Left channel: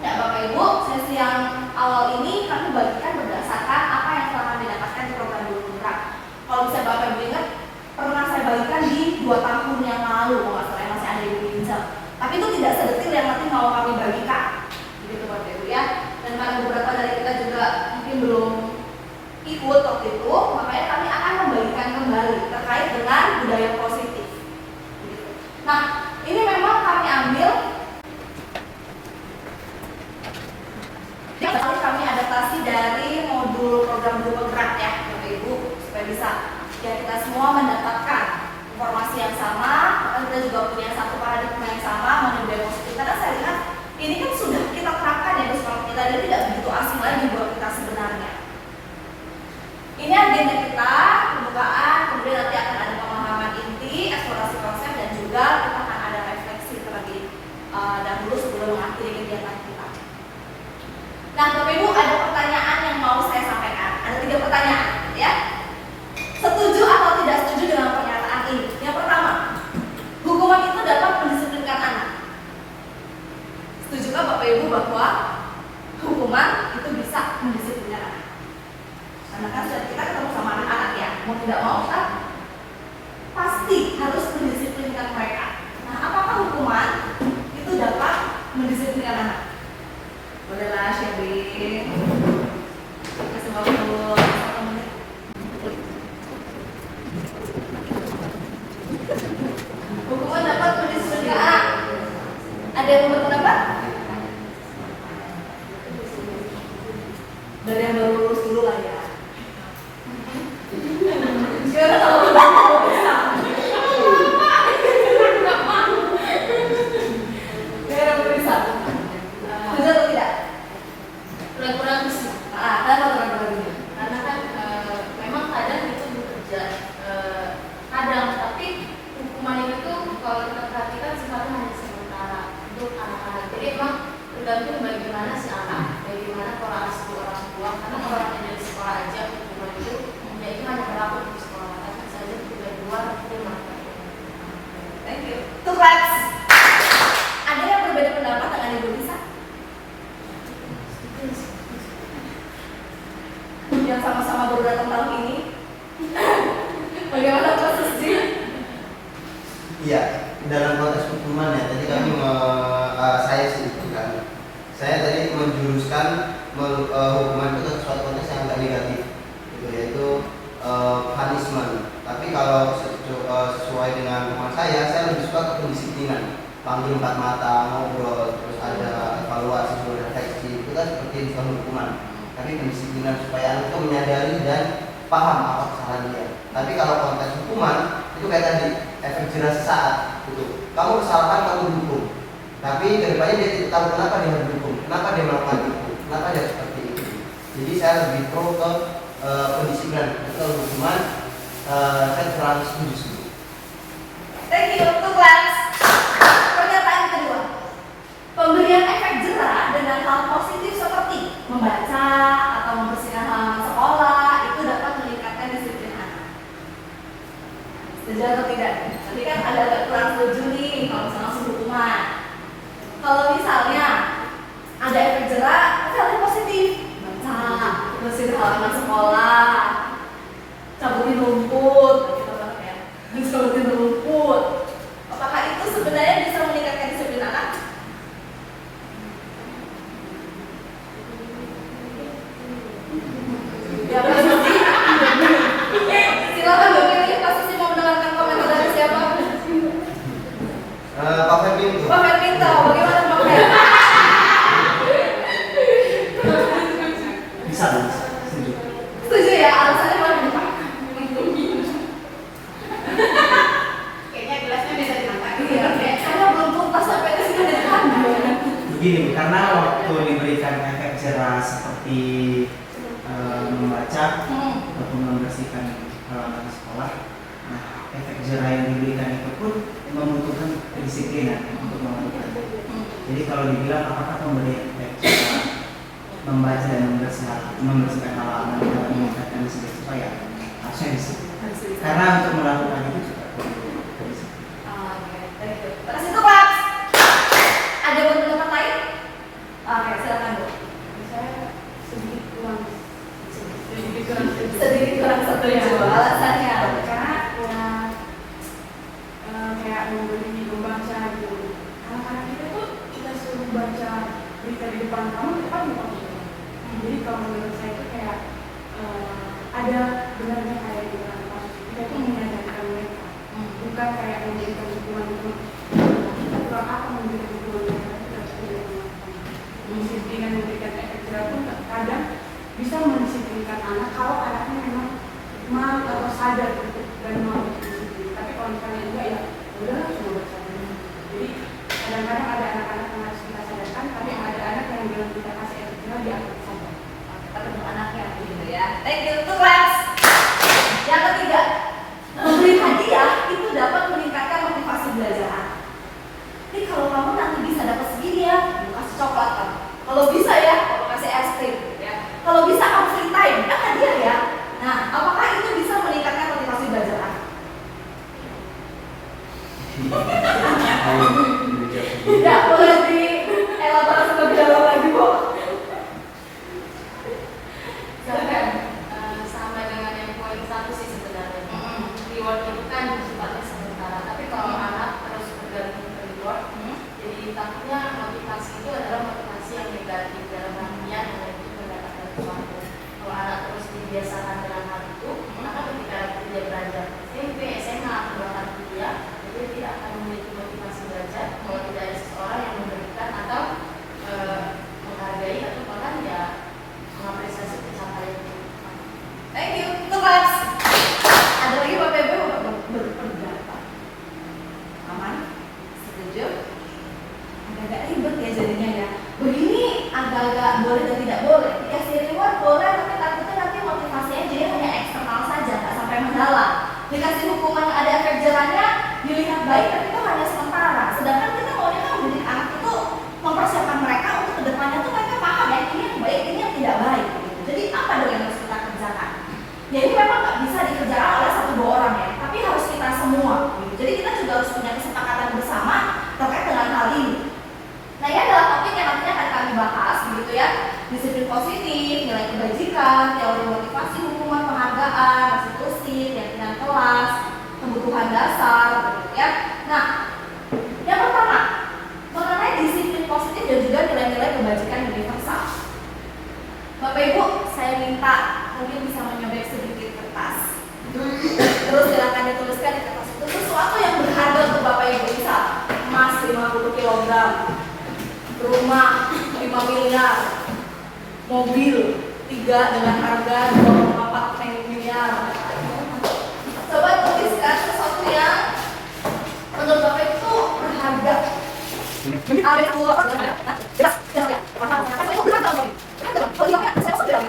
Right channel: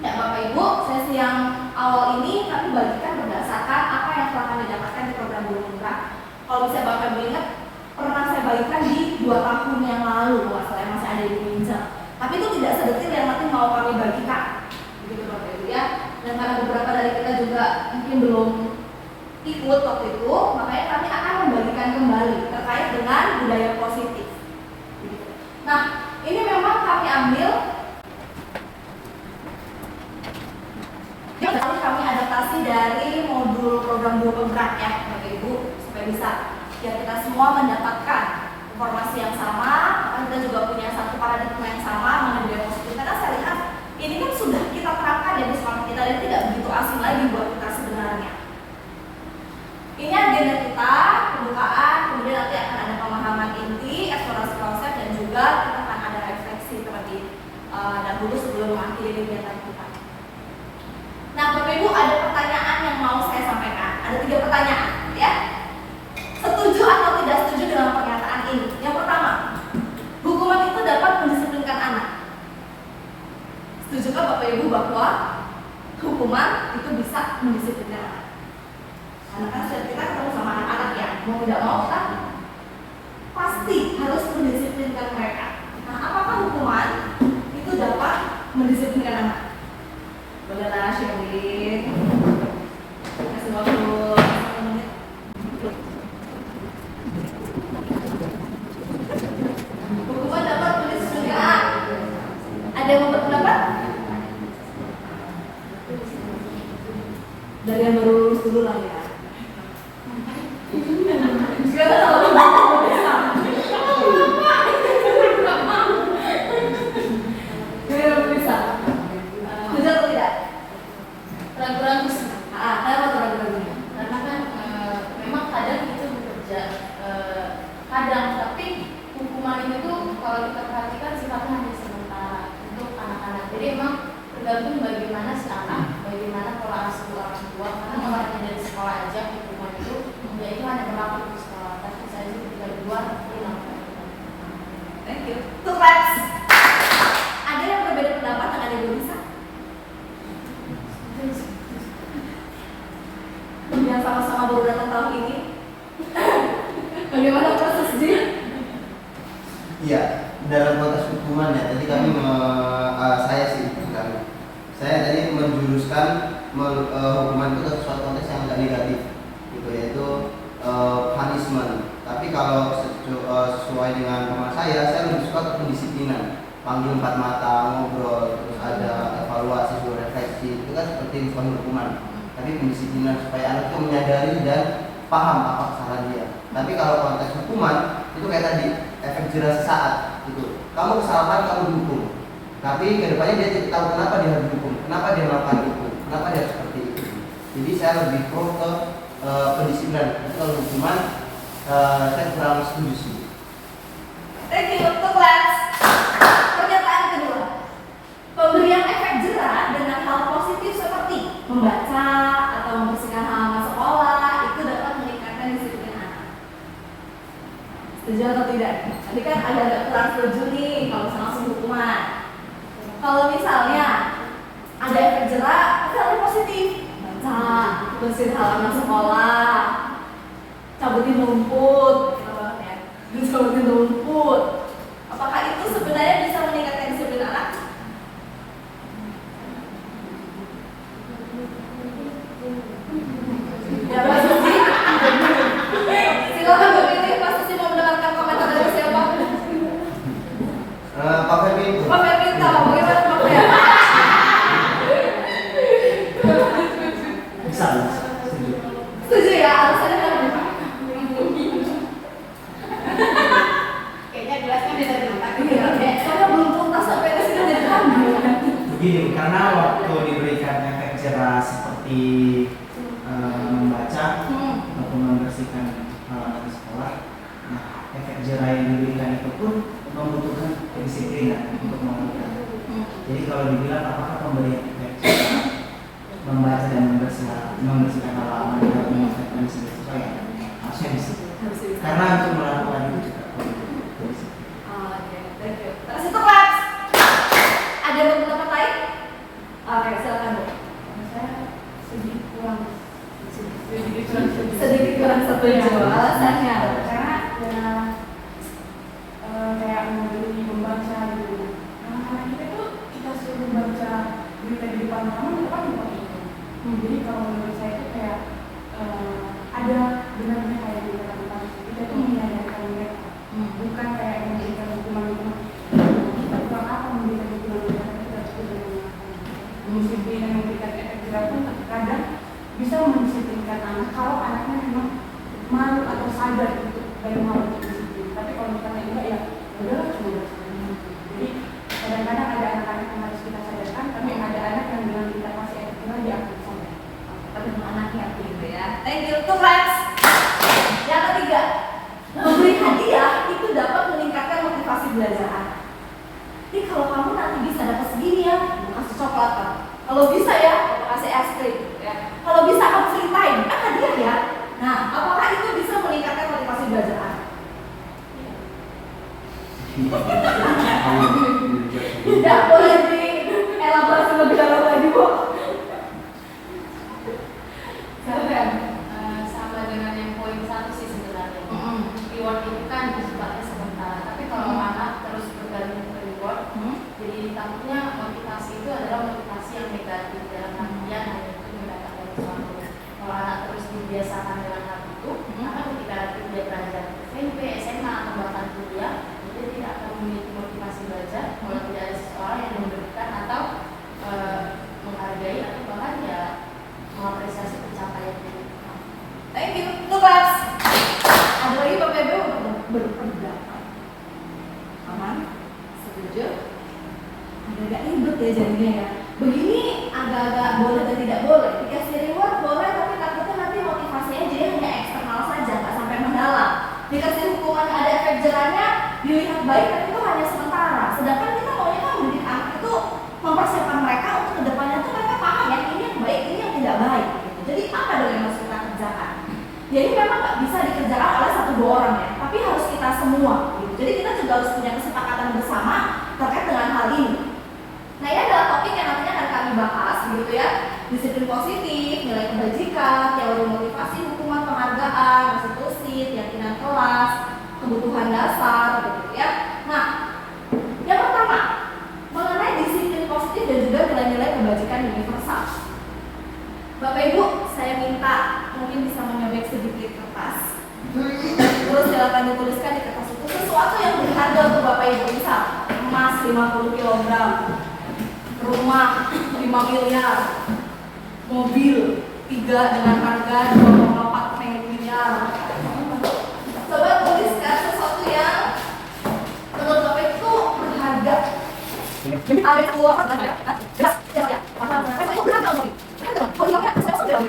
Ya Bapak Ibu, sesi yang awal ini kami bagikan berdasarkan apa yang telah kami dapatkan di program Guru Murah. Kalau bisa Bapak Ibu ingat, pernah saya bagikan di 2 tahun yang lalu, nggak salah masih ada di pinjam. Tapi itu tidak sedetil yang nanti mau kami bagikan, begitu Bapak Ibu ya. Dan karena beberapa dari kita juga mungkin belum ikut waktu itu, makanya kami akan membagikan kembali terkait dengan budaya positif. Begitu. Nah, ini memang kami ambil. Kami adaptasi dari modul program Guru Penggerak ya Bapak Ibu, supaya bisa ya kita semua mendapatkan informasi yang sama, maka kita juga punya satu paradigma yang sama mengenai budaya positif. Karena saya lihat ini kan sudah kita terapkan ya di sekolah kita, ini tidak begitu asing lagi buat kita sebenarnya. Ini agenda kita, pembukaan, kemudian nanti akan ada pemahaman inti, eksplorasi konsep, dan juga kita akan ada refleksi terlebih dahulu sebelum mengakhiri kegiatan kita. Nah, Bapak Ibu, ada pertanyaan yang mau saya sampaikan. Ada 3 pertanyaan, ya. Setuju atau tidak setuju dengan pernyataan ini? Yang pertama, hukuman itu dapat mendisiplinkan anak. Setujukah Bapak Ibu bahwa hukuman itu bisa mendisiplinkan anak? Karena kan kita ketemu sama anak-anak ya, mau tidak mau kita pasti harus mendisiplinkan mereka. Nah, apakah hukuman itu dapat mendisiplinkan anak? Bolehlah sharing. Kasih waktu 1 menit. Hukuman dapat mendisiplinkan anak. Ada yang mau berpendapat? Dari yang baru lulus dulu lah ya. Sekarang kalau udah bisa. Sekarang bisa. Bisa atau tidak? Kurang-kurang bisa. Kenapa kurang-kurang? Karena kan memang kadang itu bekerja kadang, tapi hukuman itu kalau kita perhatikan sifatnya hanya sementara untuk anak-anak. Jadi emang tergantung bagaimana si anak, bagaimana pola asuh orang tua. Karena kalau hanya di sekolah aja hukuman itu, ya itu hanya berlaku di sekolah. Tapi bisa aja ketika di luar itu melakukan. Thank you. Two claps. Ada yang berbeda pendapat dengan Ibu Lisa? Yang sama-sama baru datang tahun ini. Bagaimana kasus Ji? Iya, dalam konteks hukuman ya. Tadi kami saya sih bukan. Saya tadi menjuruskan hukuman itu ke suatu konteks yang agak negatif, gitu, yaitu punishment. Tapi kalau sesuai dengan pemahaman saya lebih suka ke pendisiplinan. Panggil 4 mata, ngobrol, terus ada evaluasi, refleksi. Itu kan seperti suatu hukuman. Tapi pendisiplinan supaya anak itu menyadari dan paham apa kesalahan dia. Tapi kalau konteks hukuman itu kayak tadi efek jerah sesaat gitu. Kamu kesalahan kamu dihukum, tapi kedepannya dia tidak tahu kenapa dia harus dihukum, kenapa dia melakukan itu, kenapa dia seperti itu. Jadi saya lebih pro ke pendisiplinan. Kalau hukuman saya kurang setuju. Thank you, two claps. Pernyataan kedua, pemberian efek jerah dengan hal positif seperti membaca atau membersihkan halaman sekolah itu dapat meningkatkan disiplin anak. Setuju atau tidak? Tadi kan agak kurang setuju nih kalau misalnya langsung hukuman. Kalau misalnya ada efek jerah, tapi hal positif, baca, bersihin halaman sekolah, cabutin rumput, gitu banget ya. Cabutin rumput. Apakah itu sebenarnya bisa meningkatkan disiplin anak? Ya Pak Susi, silakan Bu Firly. Pak Susi mau mendengarkan komentar dari siapa? Pak Fermi. Pak Ferminta, bagaimana Pak Fer? Bisa. Setuju ya, alasannya kenapa Pak? Kayaknya gelasnya beda di mata gitu ya. Saya belum tuntas sampai ke sini dari tadi. Begini, karena waktu diberikan efek jerah seperti membaca atau membersihkan halaman sekolah, nah efek jerah yang diberikan itu pun membutuhkan kedisiplinan untuk melakukannya. Jadi kalau dibilang apakah pemberian efek jerah membaca dan membersihkan halaman dapat meningkatkan disiplin siswa, ya harusnya disiplin. Karena untuk melakukan itu juga perlu Kalau bisa ya, kamu kasih es krim, ya. Kalau bisa kamu free time, kan hadiah ya. Nah, apakah itu bisa meningkatkan motivasi belajar anak? Tidak boleh dielaborasi lebih dalam lagi, Bu. Sama dengan yang poin 1 sih sebenarnya. Reward itu kan sifatnya sementara, tapi kalau anak terus bergantung ke reward, jadi takutnya motivasi itu adalah motivasi yang negatif dalam artian hanya itu mendapatkan sesuatu. Kalau anak terus dibiasakan dengan hal itu, maka ketika dia beranjak SMP, SMA atau bahkan kuliah, dia tidak akan memiliki motivasi belajar kalau tidak ada seseorang yang memberikan atau menghargai atau bahkan ya mengapresiasi pencapaian itu. Thank you. Tugas. Ada lagi Bapak Ibu berpendapat. Aman? Setuju? Agak ribet ya jadinya ya. Begini agak-agak boleh dan tidak boleh. Dikasih reward boleh, tapi takutnya nanti motivasinya jadi hanya eksternal saja, nggak sampai mendalam. Dikasih hukuman yang ada efek jerahnya, dilihat baik, tapi itu hanya sementara. Sedangkan kita maunya kan mendidik anak itu mempersiapkan mereka untuk kedepannya tuh mereka paham ya ini yang baik, ini yang tidak baik. Gitu. Jadi apa dong yang harus kita kerjakan? Jadi memang nggak bisa dikerjakan oleh 1-2 orang ya, tapi harus kita semua. Gitu. Jadi kita juga harus punya kesepakatan bersama terkait dengan hal ini. Nah ini adalah topik yang nantinya akan kami bahas, begitu ya. Disiplin positif, nilai kebajikan, teori motivasi, hukuman, penghargaan, restitusi, keyakinan kelas, kebutuhan dasar, begitu ya. Nah, yang pertama mengenai disiplin positif dan juga nilai-nilai kebajikan universal. Bapak Ibu, saya minta mungkin bisa menyobek sedikit kertas. Terus silakan dituliskan di kertas itu sesuatu yang berharga untuk Bapak Ibu, misal emas 50 kg, rumah 5 miliar, mobil 3 dengan harga 2,4 miliar. Coba tuliskan sesuatu yang menurut Bapak Ibu berharga. Ada keluar jelas ya. Itu berharga untuk kalau tidak saya masuk dalam.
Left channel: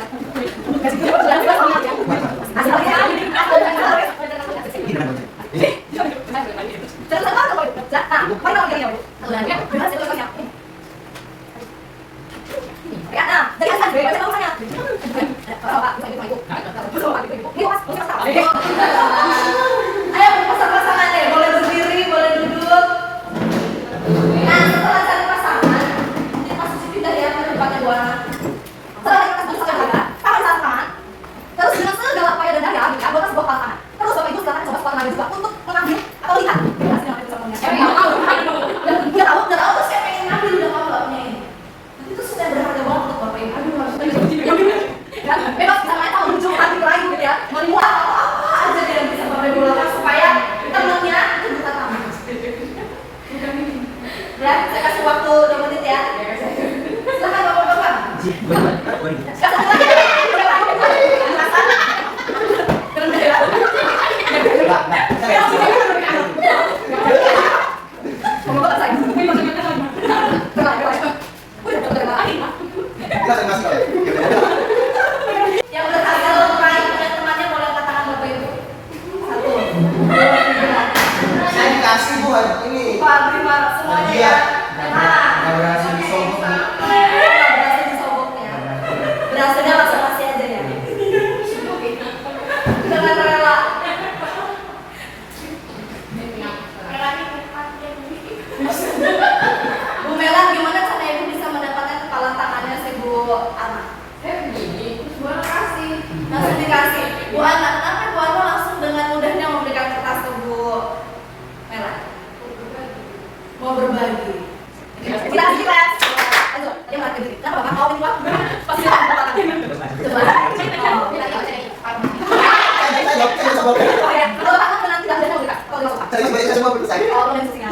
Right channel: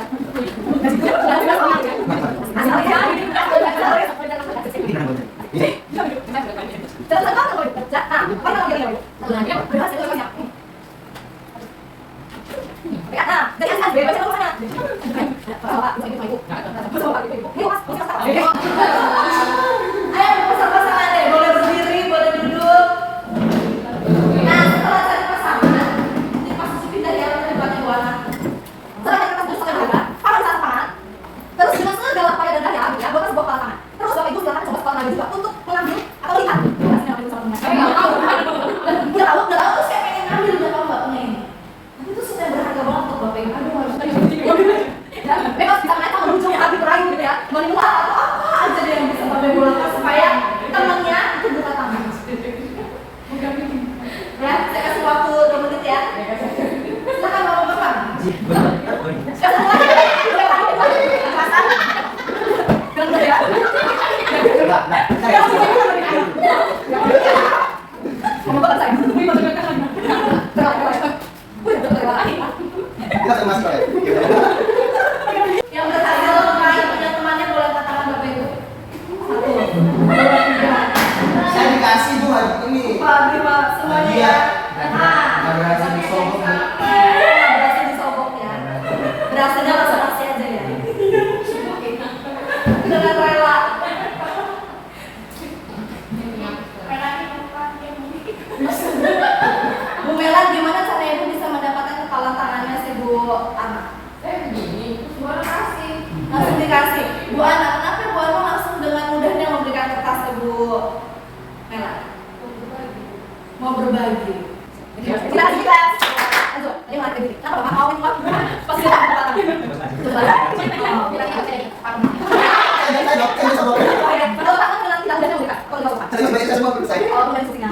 Ayo pasang-pasangan deh, boleh berdiri, boleh duduk. Nah, setelah cari pasangan, ini posisi pindah ya ke depannya dua anak. Setelah kita tulis sederhana, tangan sama tangan. Terus dengan segala upaya dan daya, ya, buat sebuah tangan. Terus Bapak Ibu silakan coba sekolah lagi juga untuk mengambil atau lihat. Ini hasilnya yang bisa punya. Udah tahu terus saya pengen ngambil udah tahu nggak punya ini. Tapi itu sudah berharga banget untuk Bapak Ibu. Aduh harus kan, bebas bisa main tahu ujung hati merayu gitu ya, menimuat atau apa aja deh yang bisa Bapak Ibu lakukan supaya temannya itu buka tangan. Ya, saya kasih waktu 2 menit ya. Silakan Bapak-bapak. Kasih lagi. Rendah ya. Bapak saya. Yang berharga untuk main punya temannya boleh angkat tangan Bapak Ibu. 1, 2, 3. Saya dikasih Bu hari ini. 4, 5 semuanya ya. Nggak berhasil disobok. Berhasil disobok ya. Berhasilnya langsung kasih aja ya. Dengan rela. Bu Melan, gimana cara Ibu bisa mendapatkan kepala tangannya si Bu Ana? Begini, terus gua kasih. Langsung dikasih. Bu Ana, kenapa Bu Ana langsung dengan mudahnya memberikan kertas ke Bu Melan? Mau berbagi. Kita. Aduh, dia malah kediri. Kenapa Bapak mau minum? Pasti akan kepala tangan. Coba. Kalau tangan bilang tidak ada yang kalau tidak suka. Oh, boleh setengah.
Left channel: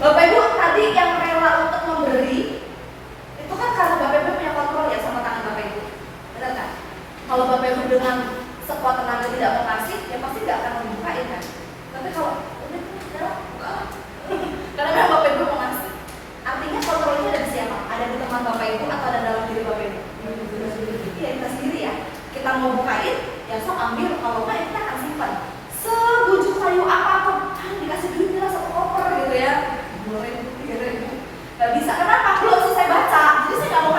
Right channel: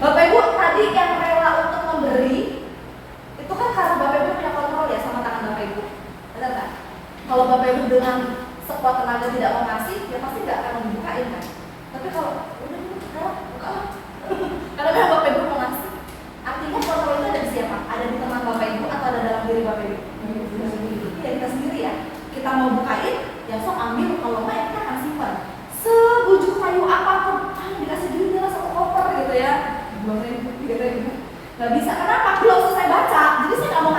Bapak Ibu tadi yang rela untuk memberi itu kan karena Bapak Ibu punya kontrol ya sama tangan Bapak Ibu, benar nggak? Kalau Bapak Ibu dengan sekuat tenaga tidak mau ngasih, ya pasti tidak akan membukain kan. Tapi kalau udah buka lah, karena kan Bapak Ibu mau ngasih. Artinya kontrol itu ada di siapa? Ada di teman Bapak Ibu atau ada dalam diri Bapak Ibu? Iya, kita sendiri ya. Kita mau bukain, ya sok ambil. Kalau nggak, ya kita akan simpan. Sebujuk kayu apapun, dikasih duitnya lah 1 koper gitu ya. Gak bisa, kenapa? Belum selesai baca, jadi saya nggak mau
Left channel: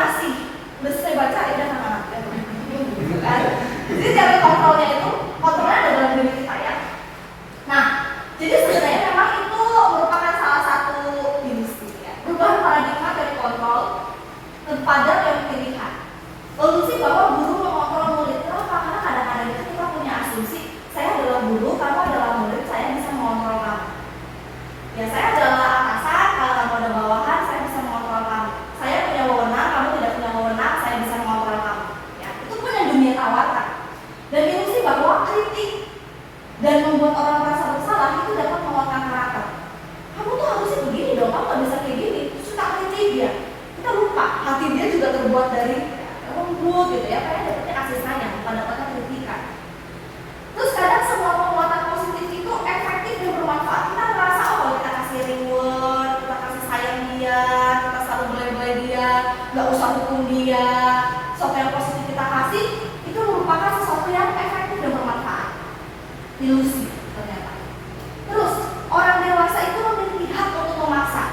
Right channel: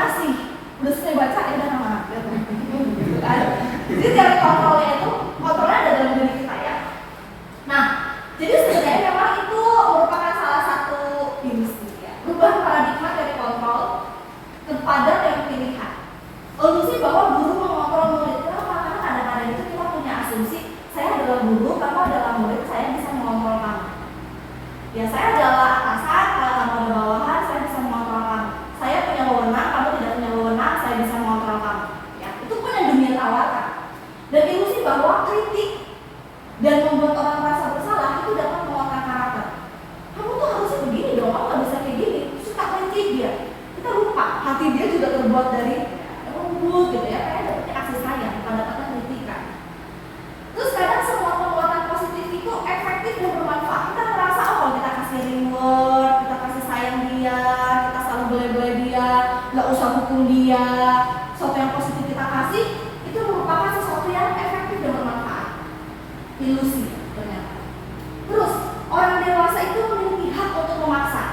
itu memiliki hak untuk memaksa.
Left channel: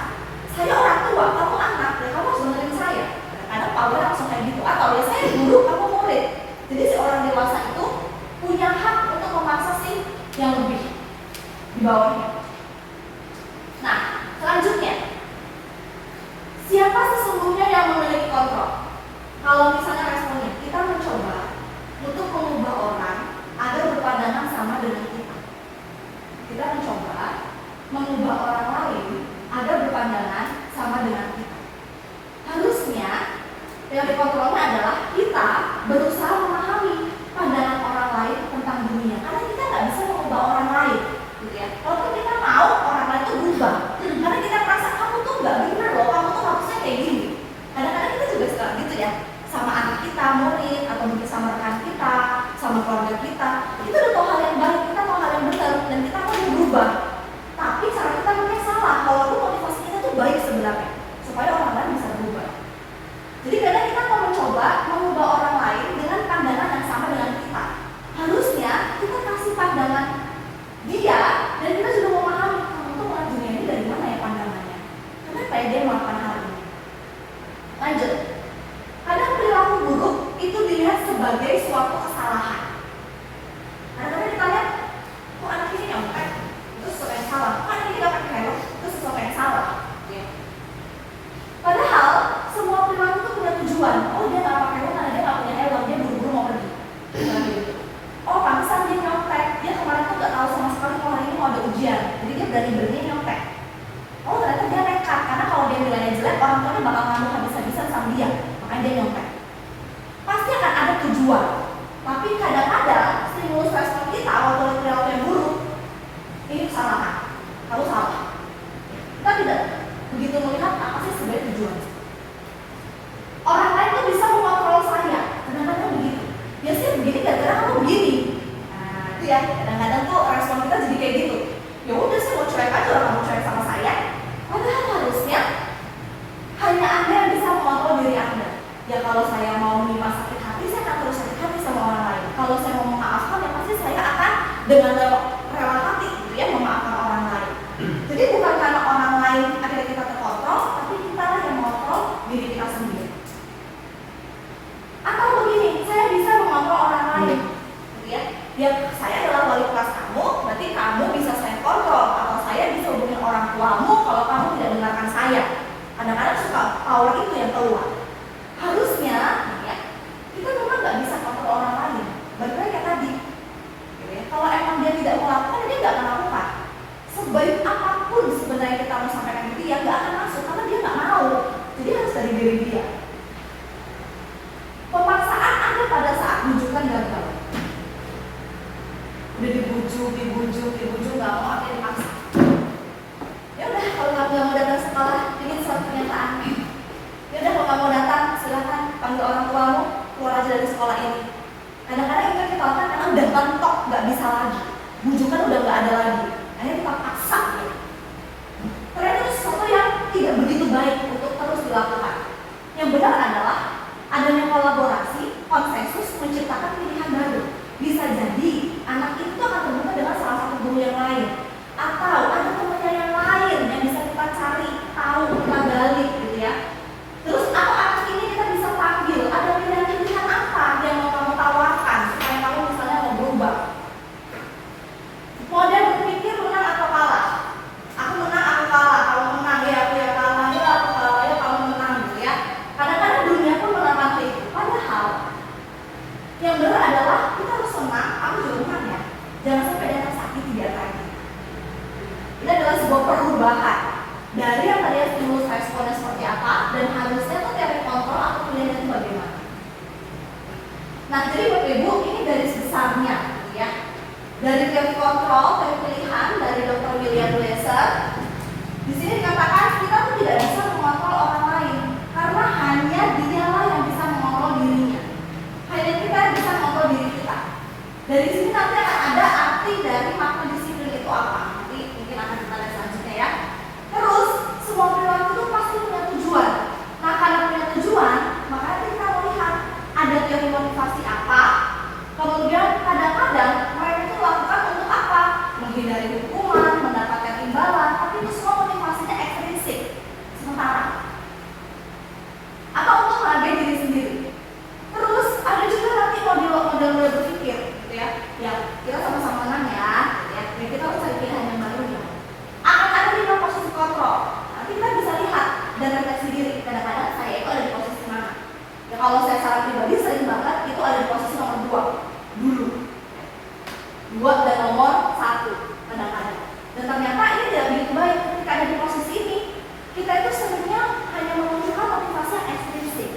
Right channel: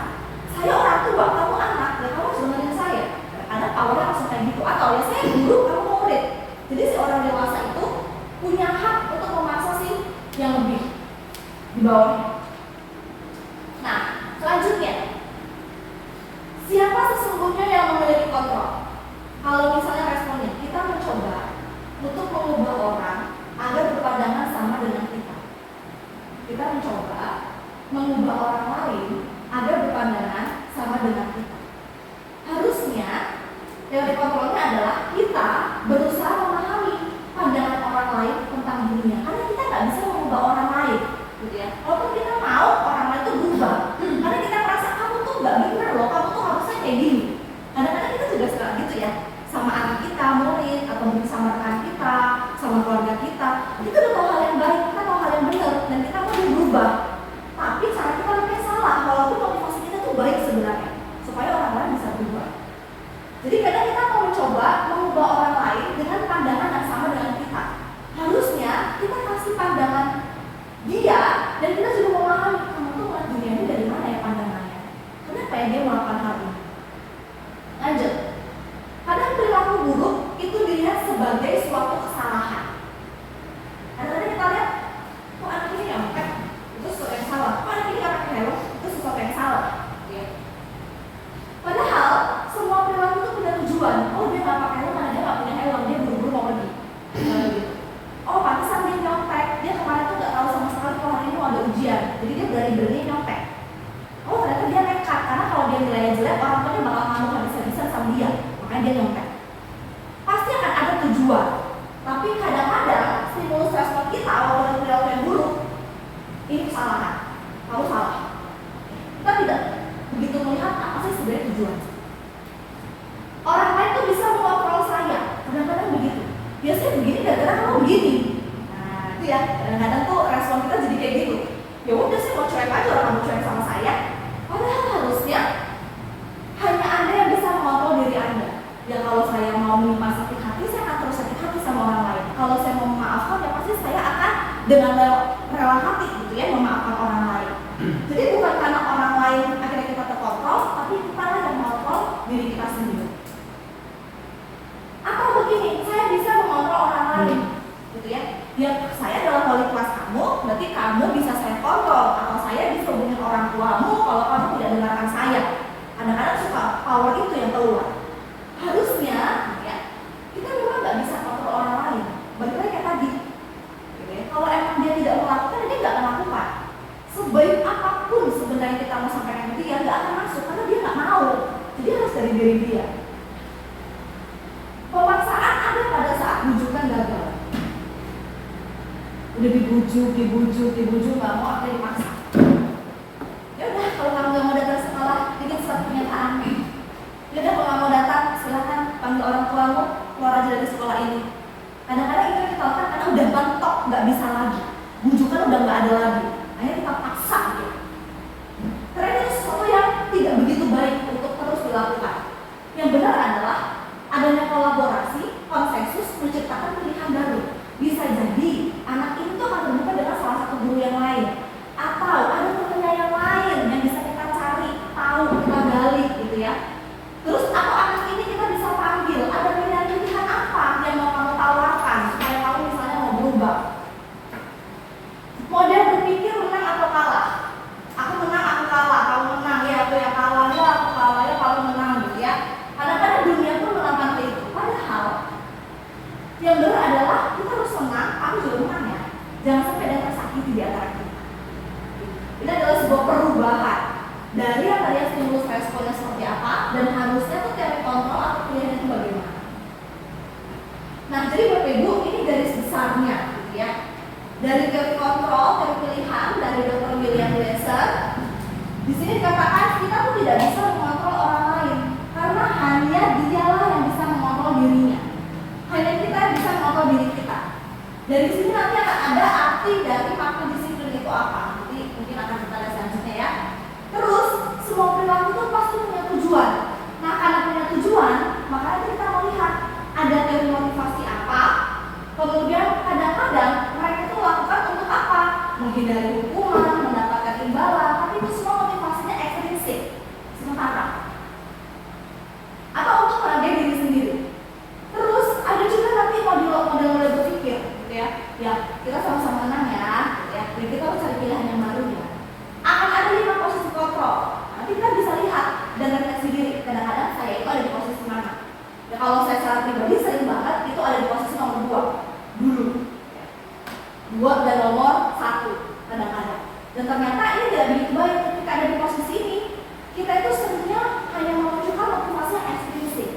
Saya orang tua, kamu anak, ya kamu harus dengerin saya. Kadang powernya langsung kayak gitu. Atau ya saya guru, kamu murid. Jadi si orang dewasa itu punya hak untuk memaksa si yang lebih di bawahnya. Nah, selanjutnya, siapa sesungguhnya yang memiliki kontrol? Kalau misalnya responnya, kita mencoba untuk mengubah orang agar berpandangan sama dengan kita. Kita mencoba mengubah orang lain agar berpandangan sama dengan kita. Harusnya teori kontrolnya adalah kita berusaha memahami pandangan orang lain tentang dunia, karena kita nggak bisa mengubah orang lain, gitu ya. Walaupun kita mau orang lain itu berubah, karena kita merasa kamu tuh nggak benar loh, kamu tuh harusnya kayak gini. Kadang-kadang kita juga suka gitu ya, sama anak kita, murid, atau mungkin sama rekan kita, sama keluarga kita. Itu udah mau hal yang baik, kita mau hal yang benar, dan kita mau berubah. Tapi cara kita mungkin salah, walaupun motivasi kita tuh baik sebenarnya, supaya orang lain bisa berubah. Jadi kadang kita mau mencoba mengubah orang lain dengan pandangan yang sama dengan kita. Harusnya kita kasih pandangan dia, dan kita juga memahami kamu tuh melihat dunia ini dari mana ya pandangannya. Kenapa ya dia melakukan hal ini? Lanjut. Kadang perilaku buruk itu dilihat sebagai suatu kesalahan. Kadang-kadang kita lihat, kok anak ini nyontek, itu sesuatu yang salah. Kok anak ini gak pakai helm, itu sesuatu yang salah. Ya. Padahal semua perilaku itu punya tujuan. Oh dia gak pakai helm karena dia gak punya helm, dia buru-buru mau pergi. Oh pantesan dia nyontek, dia kemarin tuh gak tahu sama sekali kalau hari ini mau ada ujian, jadi dia berani-berani nyontek. Oh ternyata dia nekat, karena kalau dia nilainya jelek, orang tuanya bakal ngamuk habis-habisan sama dia, makanya dia nyontek. Pasti akan ada tujuan, tapi kadang-kadang stimulus respon kita walaupun perilaku yang buruk, ini kesalahan, kamu salah. Kita tidak begitu melihat apa sih sebenarnya tujuan. Orang lain tuh bisa mengontrol saya, kadang-kadang begitu. Biasanya begini gara-gara kamu begini. Nah itu ya, kadang-kadang tuh respon kita jadi kayak gitu. Ya udah sih mau cuek aja, orang mau cuek sama saya. Padahal harusnya hanya Anda yang bisa mengontrol diri Anda. Ya kalau saya mau menimpa sakit hati, saya akan terus sakit hati sama orang lain. Kalau saya mau memaafkan, ya pasti saya akan dengan rela hati gitu ya, memaafkan orang lain. Jadi bukan karena orang lain akhirnya kita terkontrol, tapi kita lah yang mengontrol diri kita sendiri. Atau begini, saya bisa mengontrol orang lain, gitu ya. Ya saya adalah wali kelas kamu, berarti kamu bisa saya kontrol. Atau saya bisa hubungi orang tuamu kalau kamu tidak dengarkan saya. Kadang-kadang suka power itu yang keluar. Harusnya, ya, kita memang nggak bisa kontrol orang lain. Balik lagi kayak tadi, gitu ya. Kalau emang dia tidak melakukan, dia nggak akan lakukan. Sebaik apapun sebenarnya kita mau sampaikan ke dia, nggak akan masuk karena dia nggak mau. Jadi harus dari diri dia. Pemaksaan ada pada saat bujukan gagal. Udah dibujuk nggak mau, akhirnya dipaksa. Ya udah kalau kamu nggak mau datang sekolah, bikin suatu pernyataan. Ya udah kalau nggak mau datang, silahkan panggil orang tuamu, keluar aja dari sekolah ini. Kadang-kadang itu kita lakukan karena udah mentok, nggak bisa lagi. Bujukan udah nggak ada lagi. Akhirnya kita paksa. Ya. Karena itu sesuatu yang tidak begitu baik untuk terus dilakukan. Yang benar adalah adanya kolaborasi, konsensus, menciptakan pilihan baru. Bisa jadi anak itu akan terbuka dengan salah satu guru yang lain, atau ada temannya yang lain yang bisa kita cari tahu, kita gali gitu ya. Terus atau anak ini kita bisa panggil, ada pilihan apa yang mau kamu tawarkan supaya kamu misalnya mau berubah. Model berpikir menang atau kalah. Aku menang, aku kalah. Kamu menang, ya aku yang kalah, ya aku kalah, ya kamu menang gitu ya. Kadang-kadang dunia pun menangkan itu. Padahal yang benar adalah kita harus senang, aku juga menang ya. Jangan sampai ada yang tersakiti di antara kita. Ini adalah sebuah perubahan dari yang tadi stimulus responnya seperti apa, dan harusnya tuh teori kontrol atau pilihan itu bagaimana. Nah jadi Bapak Ibu, ini garis besarnya gitu ya. Dari teori kontrol, teori pilihan dari Dr. William Glasser. Di sini dikatakan kita tuh tidak bisa mengontrol orang lain karena hanya dialah yang bisa mengontrol dirinya. Hanya kita yang bisa mengontrol diri kita. Dari sini nanti akan ada arti dari makna disiplin itu apa. Nanti mungkin akan kita lihat selanjutnya ya. Terus semua perilaku itu pasti punya tujuan. Nah karena punya tujuan, maka nanti kita melihat ada teori motivasi apa. Kemudian kadang-kadang mereka itu lakukan untuk apa? Menghindari hukuman, mendapatkan imbalan, tapi itu tidak begitu baik ketika ada di posisi ini. Kita itu sebenarnya hanya membutuhkan motivasi yang eksplisit.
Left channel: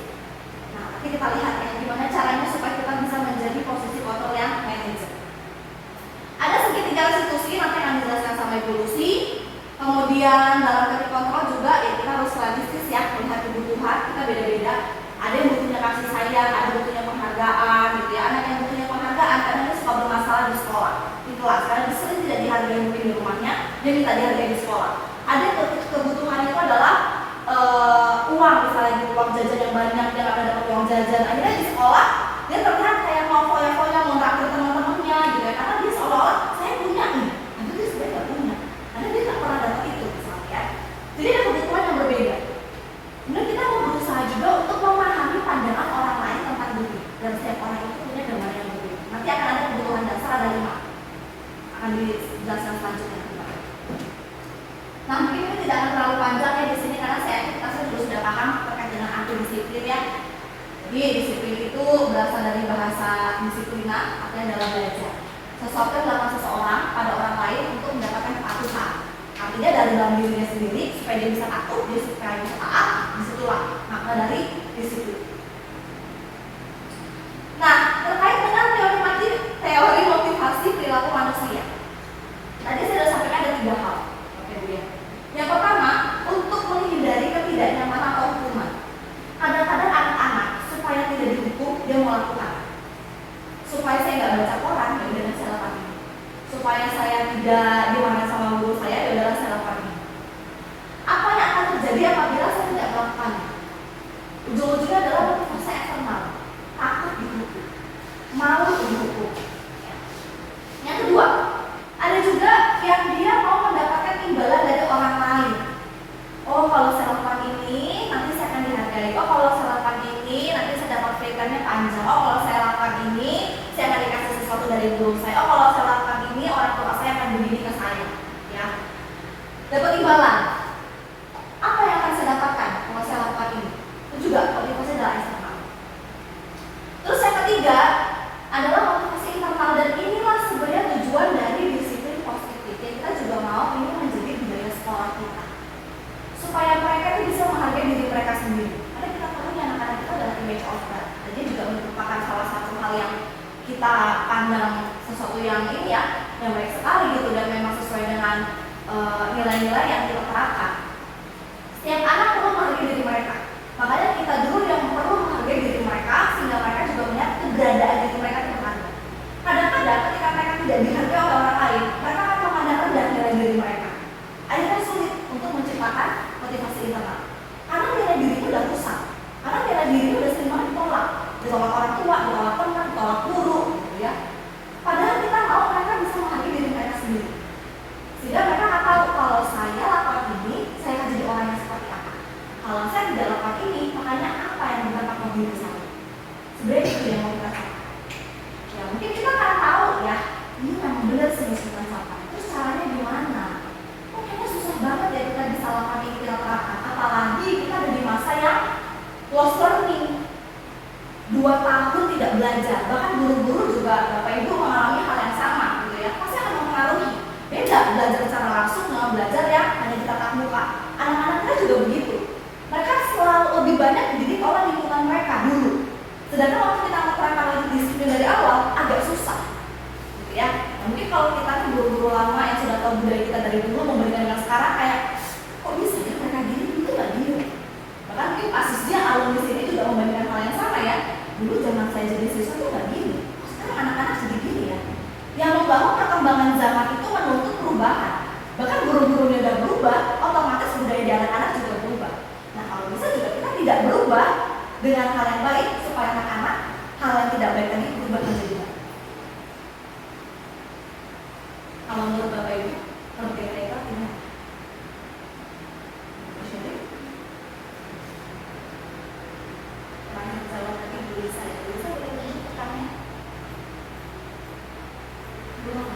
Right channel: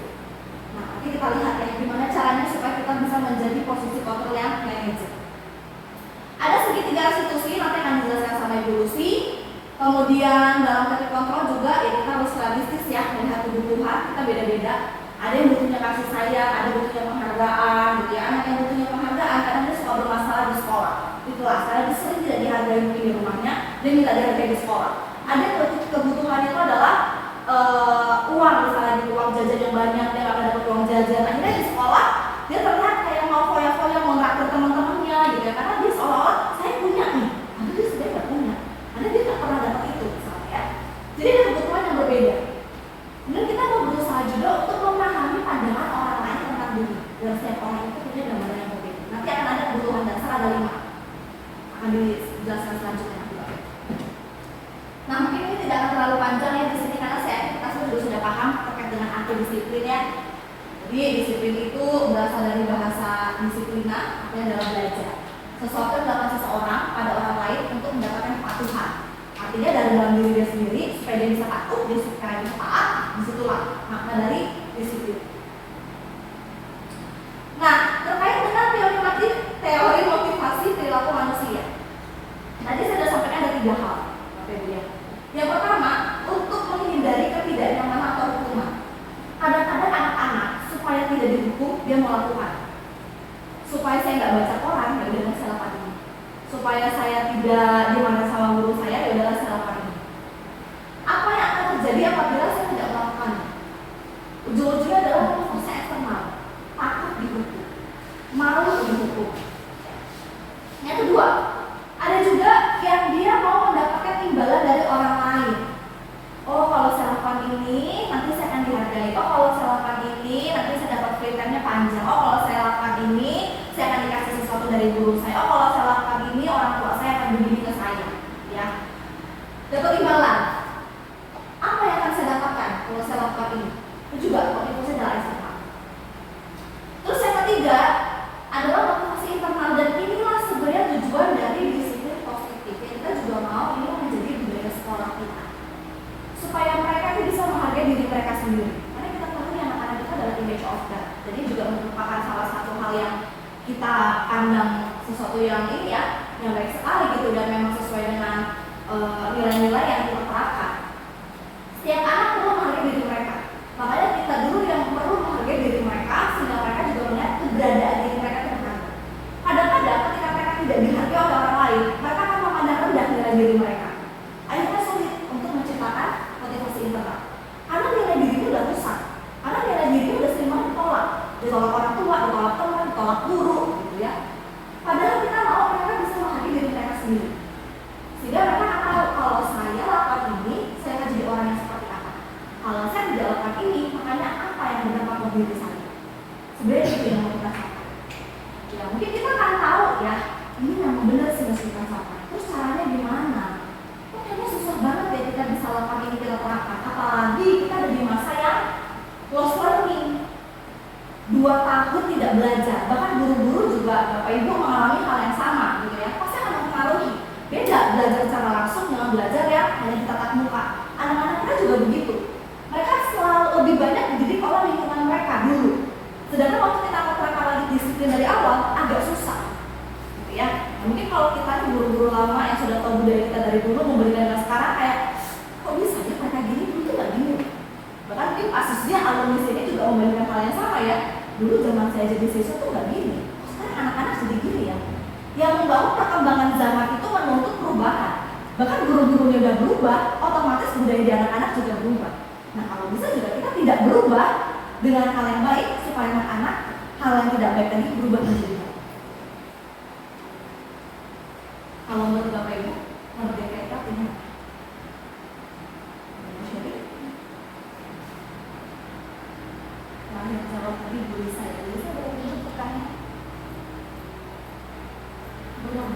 Nah, nanti kita lihat ya gimana caranya supaya kita bisa menjadi posisi kontrol yang manajer. Ada segitiga restitusi, nanti akan dijelaskan sama Ibu Lucy. Kemudian dalam ketik kontrol juga ya kita harus realistis ya, melihat kebutuhan kita beda-beda. Ada yang butuhnya kasih sayang, ada yang butuhnya penghargaan gitu ya. Anak yang butuhnya penghargaan kadang dia suka bermasalah di sekolah, di kelas, karena dia sering tidak dihargai mungkin di rumahnya, dia minta dihargai di sekolah. Ada kebutuhannya itu adalah uang, misalnya gitu, uang jajan yang banyak, dia nggak dapat uang jajan. Akhirnya di sekolah dia terlihat kayak mau foya-foya, mau naktir teman-temannya gitu ya, karena dia seolah-olah saya punya nih, tapi dia sebenarnya nggak punya, karena dia nggak pernah dapat itu misalnya ya. Jadi ada kebutuhan yang berbeda. Kemudian kita mau berusaha juga untuk memahami pandangan orang lain tentang dunia, dan setiap orang itu punya gambaran yang berbeda. Nanti akan ada kebutuhan dasar, ada 5, akan dijelaskan selanjutnya. Nah, mungkin ini tidak akan terlalu panjang ya di sini karena kita sudah paham terkait dengan arti disiplin ya. Jadi disiplin itu berasal dari bahasa disiplina, artinya adalah belajar. Sesuatu yang dilakukan seseorang pada orang lain untuk mendapatkan kepatuhan. Artinya dari dalam diri dia sendiri supaya dia bisa patuh, dia supaya bisa taat, disitulah makna dari disiplin. Nah, terkait dengan teori motivasi perilaku manusia. Tadi saya sudah sampaikan ada 3 hal. Yang pertama, untuk menghindari ketidaknyamanan atau hukuman. Kadang-kadang anak-anak supaya tidak dihukum, dia melakukan. Supaya saya nggak baca koran, ya udah saya lakukan ini. Supaya saya tidak dimarahin sama guru saya, ya udah saya lakukan ini. Apa yang akan terjadi apabila saya tidak melakukan? Ujung-ujungnya adalah motivasi eksternal, takut dihukum, malu dihukum. Yang kedua, ada juga yang dia mau mendapatkan imbalan dari orang lain. Oh, kalau saya lakukan ini, nanti saya akan dihargai. Oh, kalau saya lakukan ini, nanti saya dapat free-time-nya panjang. Oh, kalau saya lakukan ini, saya akan dikasih sesuatu dari guru saya. Oh, kalau saya lakukan ini, orang tua saya akan begini ke saya. Ya, dapat imbalan. Apa yang akan saya dapatkan kalau saya lakukan ini? Itu juga motivasi adalah eksternal. Terus yang ketiga adalah motivasi internal, dan inilah sebenarnya tujuan dari disiplin positif. Kita juga mau ini menjadi budaya sekolah kita, supaya mereka itu bisa menghargai diri mereka sendiri. Karena kita tahu anak-anak kita adalah image of God. Jadi juga merupakan salah satu hal yang kita pandang sesuatu yang ini ya, yang baik sekali gitu, dan memang sesuai dengan nilai-nilai yang kita terapkan. Setiap anak perlu menghargai diri mereka. Makanya kita dulu yang perlu menghargai diri mereka, sehingga mereka juga melihat keberadaan diri mereka terhadap. Kadang-kadang ketika mereka tidak dihargai oleh orang lain, mereka akan memandang rendah nilai diri mereka. Akhirnya sulit untuk menciptakan motivasi internal. Karena nilai diri itu udah rusak. Karena nilai diri itu udah sering banget ditolak orang tua, ditolak teman, ditolak guru, gitu ya. Padahal kita mau mereka bisa menghargai diri mereka sendiri. Sehingga mereka nggak tahu kalau saya lakukan ini, saya akan jadi orang yang seperti apa. Kalau saya tidak lakukan ini, makanya apa yang berdampak bagi diri saya. Sebenarnya itu yang mau kita lakukan. Ya mungkin kita nggak tahu ya, ini memang benar sih masukan sampah. Terus caranya gimana? Kok kayaknya susah banget ya kita bisa lakukan ini, kita terapkan. Apalagi kita ada di masa yang close learning, 2 tahun tidak belajar. Bahkan guru-guru juga, Bapak Ibu mengalami hal yang sama gitu ya. Pasti akan mempengaruhi. Beda belajar secara langsung dengan belajar yang hanya di tatap muka. Anak-anak kita juga begitu. Mereka selalu lebih banyak dididik oleh lingkungan mereka dulu. Sedangkan waktu kita menerapkan lagi disiplin dari awal, agak susah. Gitu ya. Nah, mungkin kalau kita nih guru-guru lama yang sudah tahu budaya kita dari dulu membandingkan dengan sekarang, kayak kok bisa ya mereka gini, itu nggak gini. Bahkan mungkin asisnya alumni sini juga membandingkan hal yang sama ya. Dulu zaman saya jadi siswa tuh nggak gini. Kok sekarang anak-anak jadi gini ya. Yang membangun perkembangan zaman itu menuntut perubahan. Bahkan guru-gurunya udah berubah, otomatis budaya di anak-anak juga berubah. Nah kalau bisa juga kita tidak berubah dengan hal yang baik supaya anak-anak hal yang tidak baik tadi berubah menjadi baik. Kalau menurut Bapak Ibu, merdeka itu artinya terakhir jawab tadi guru saya boleh pertanyaan? Belum.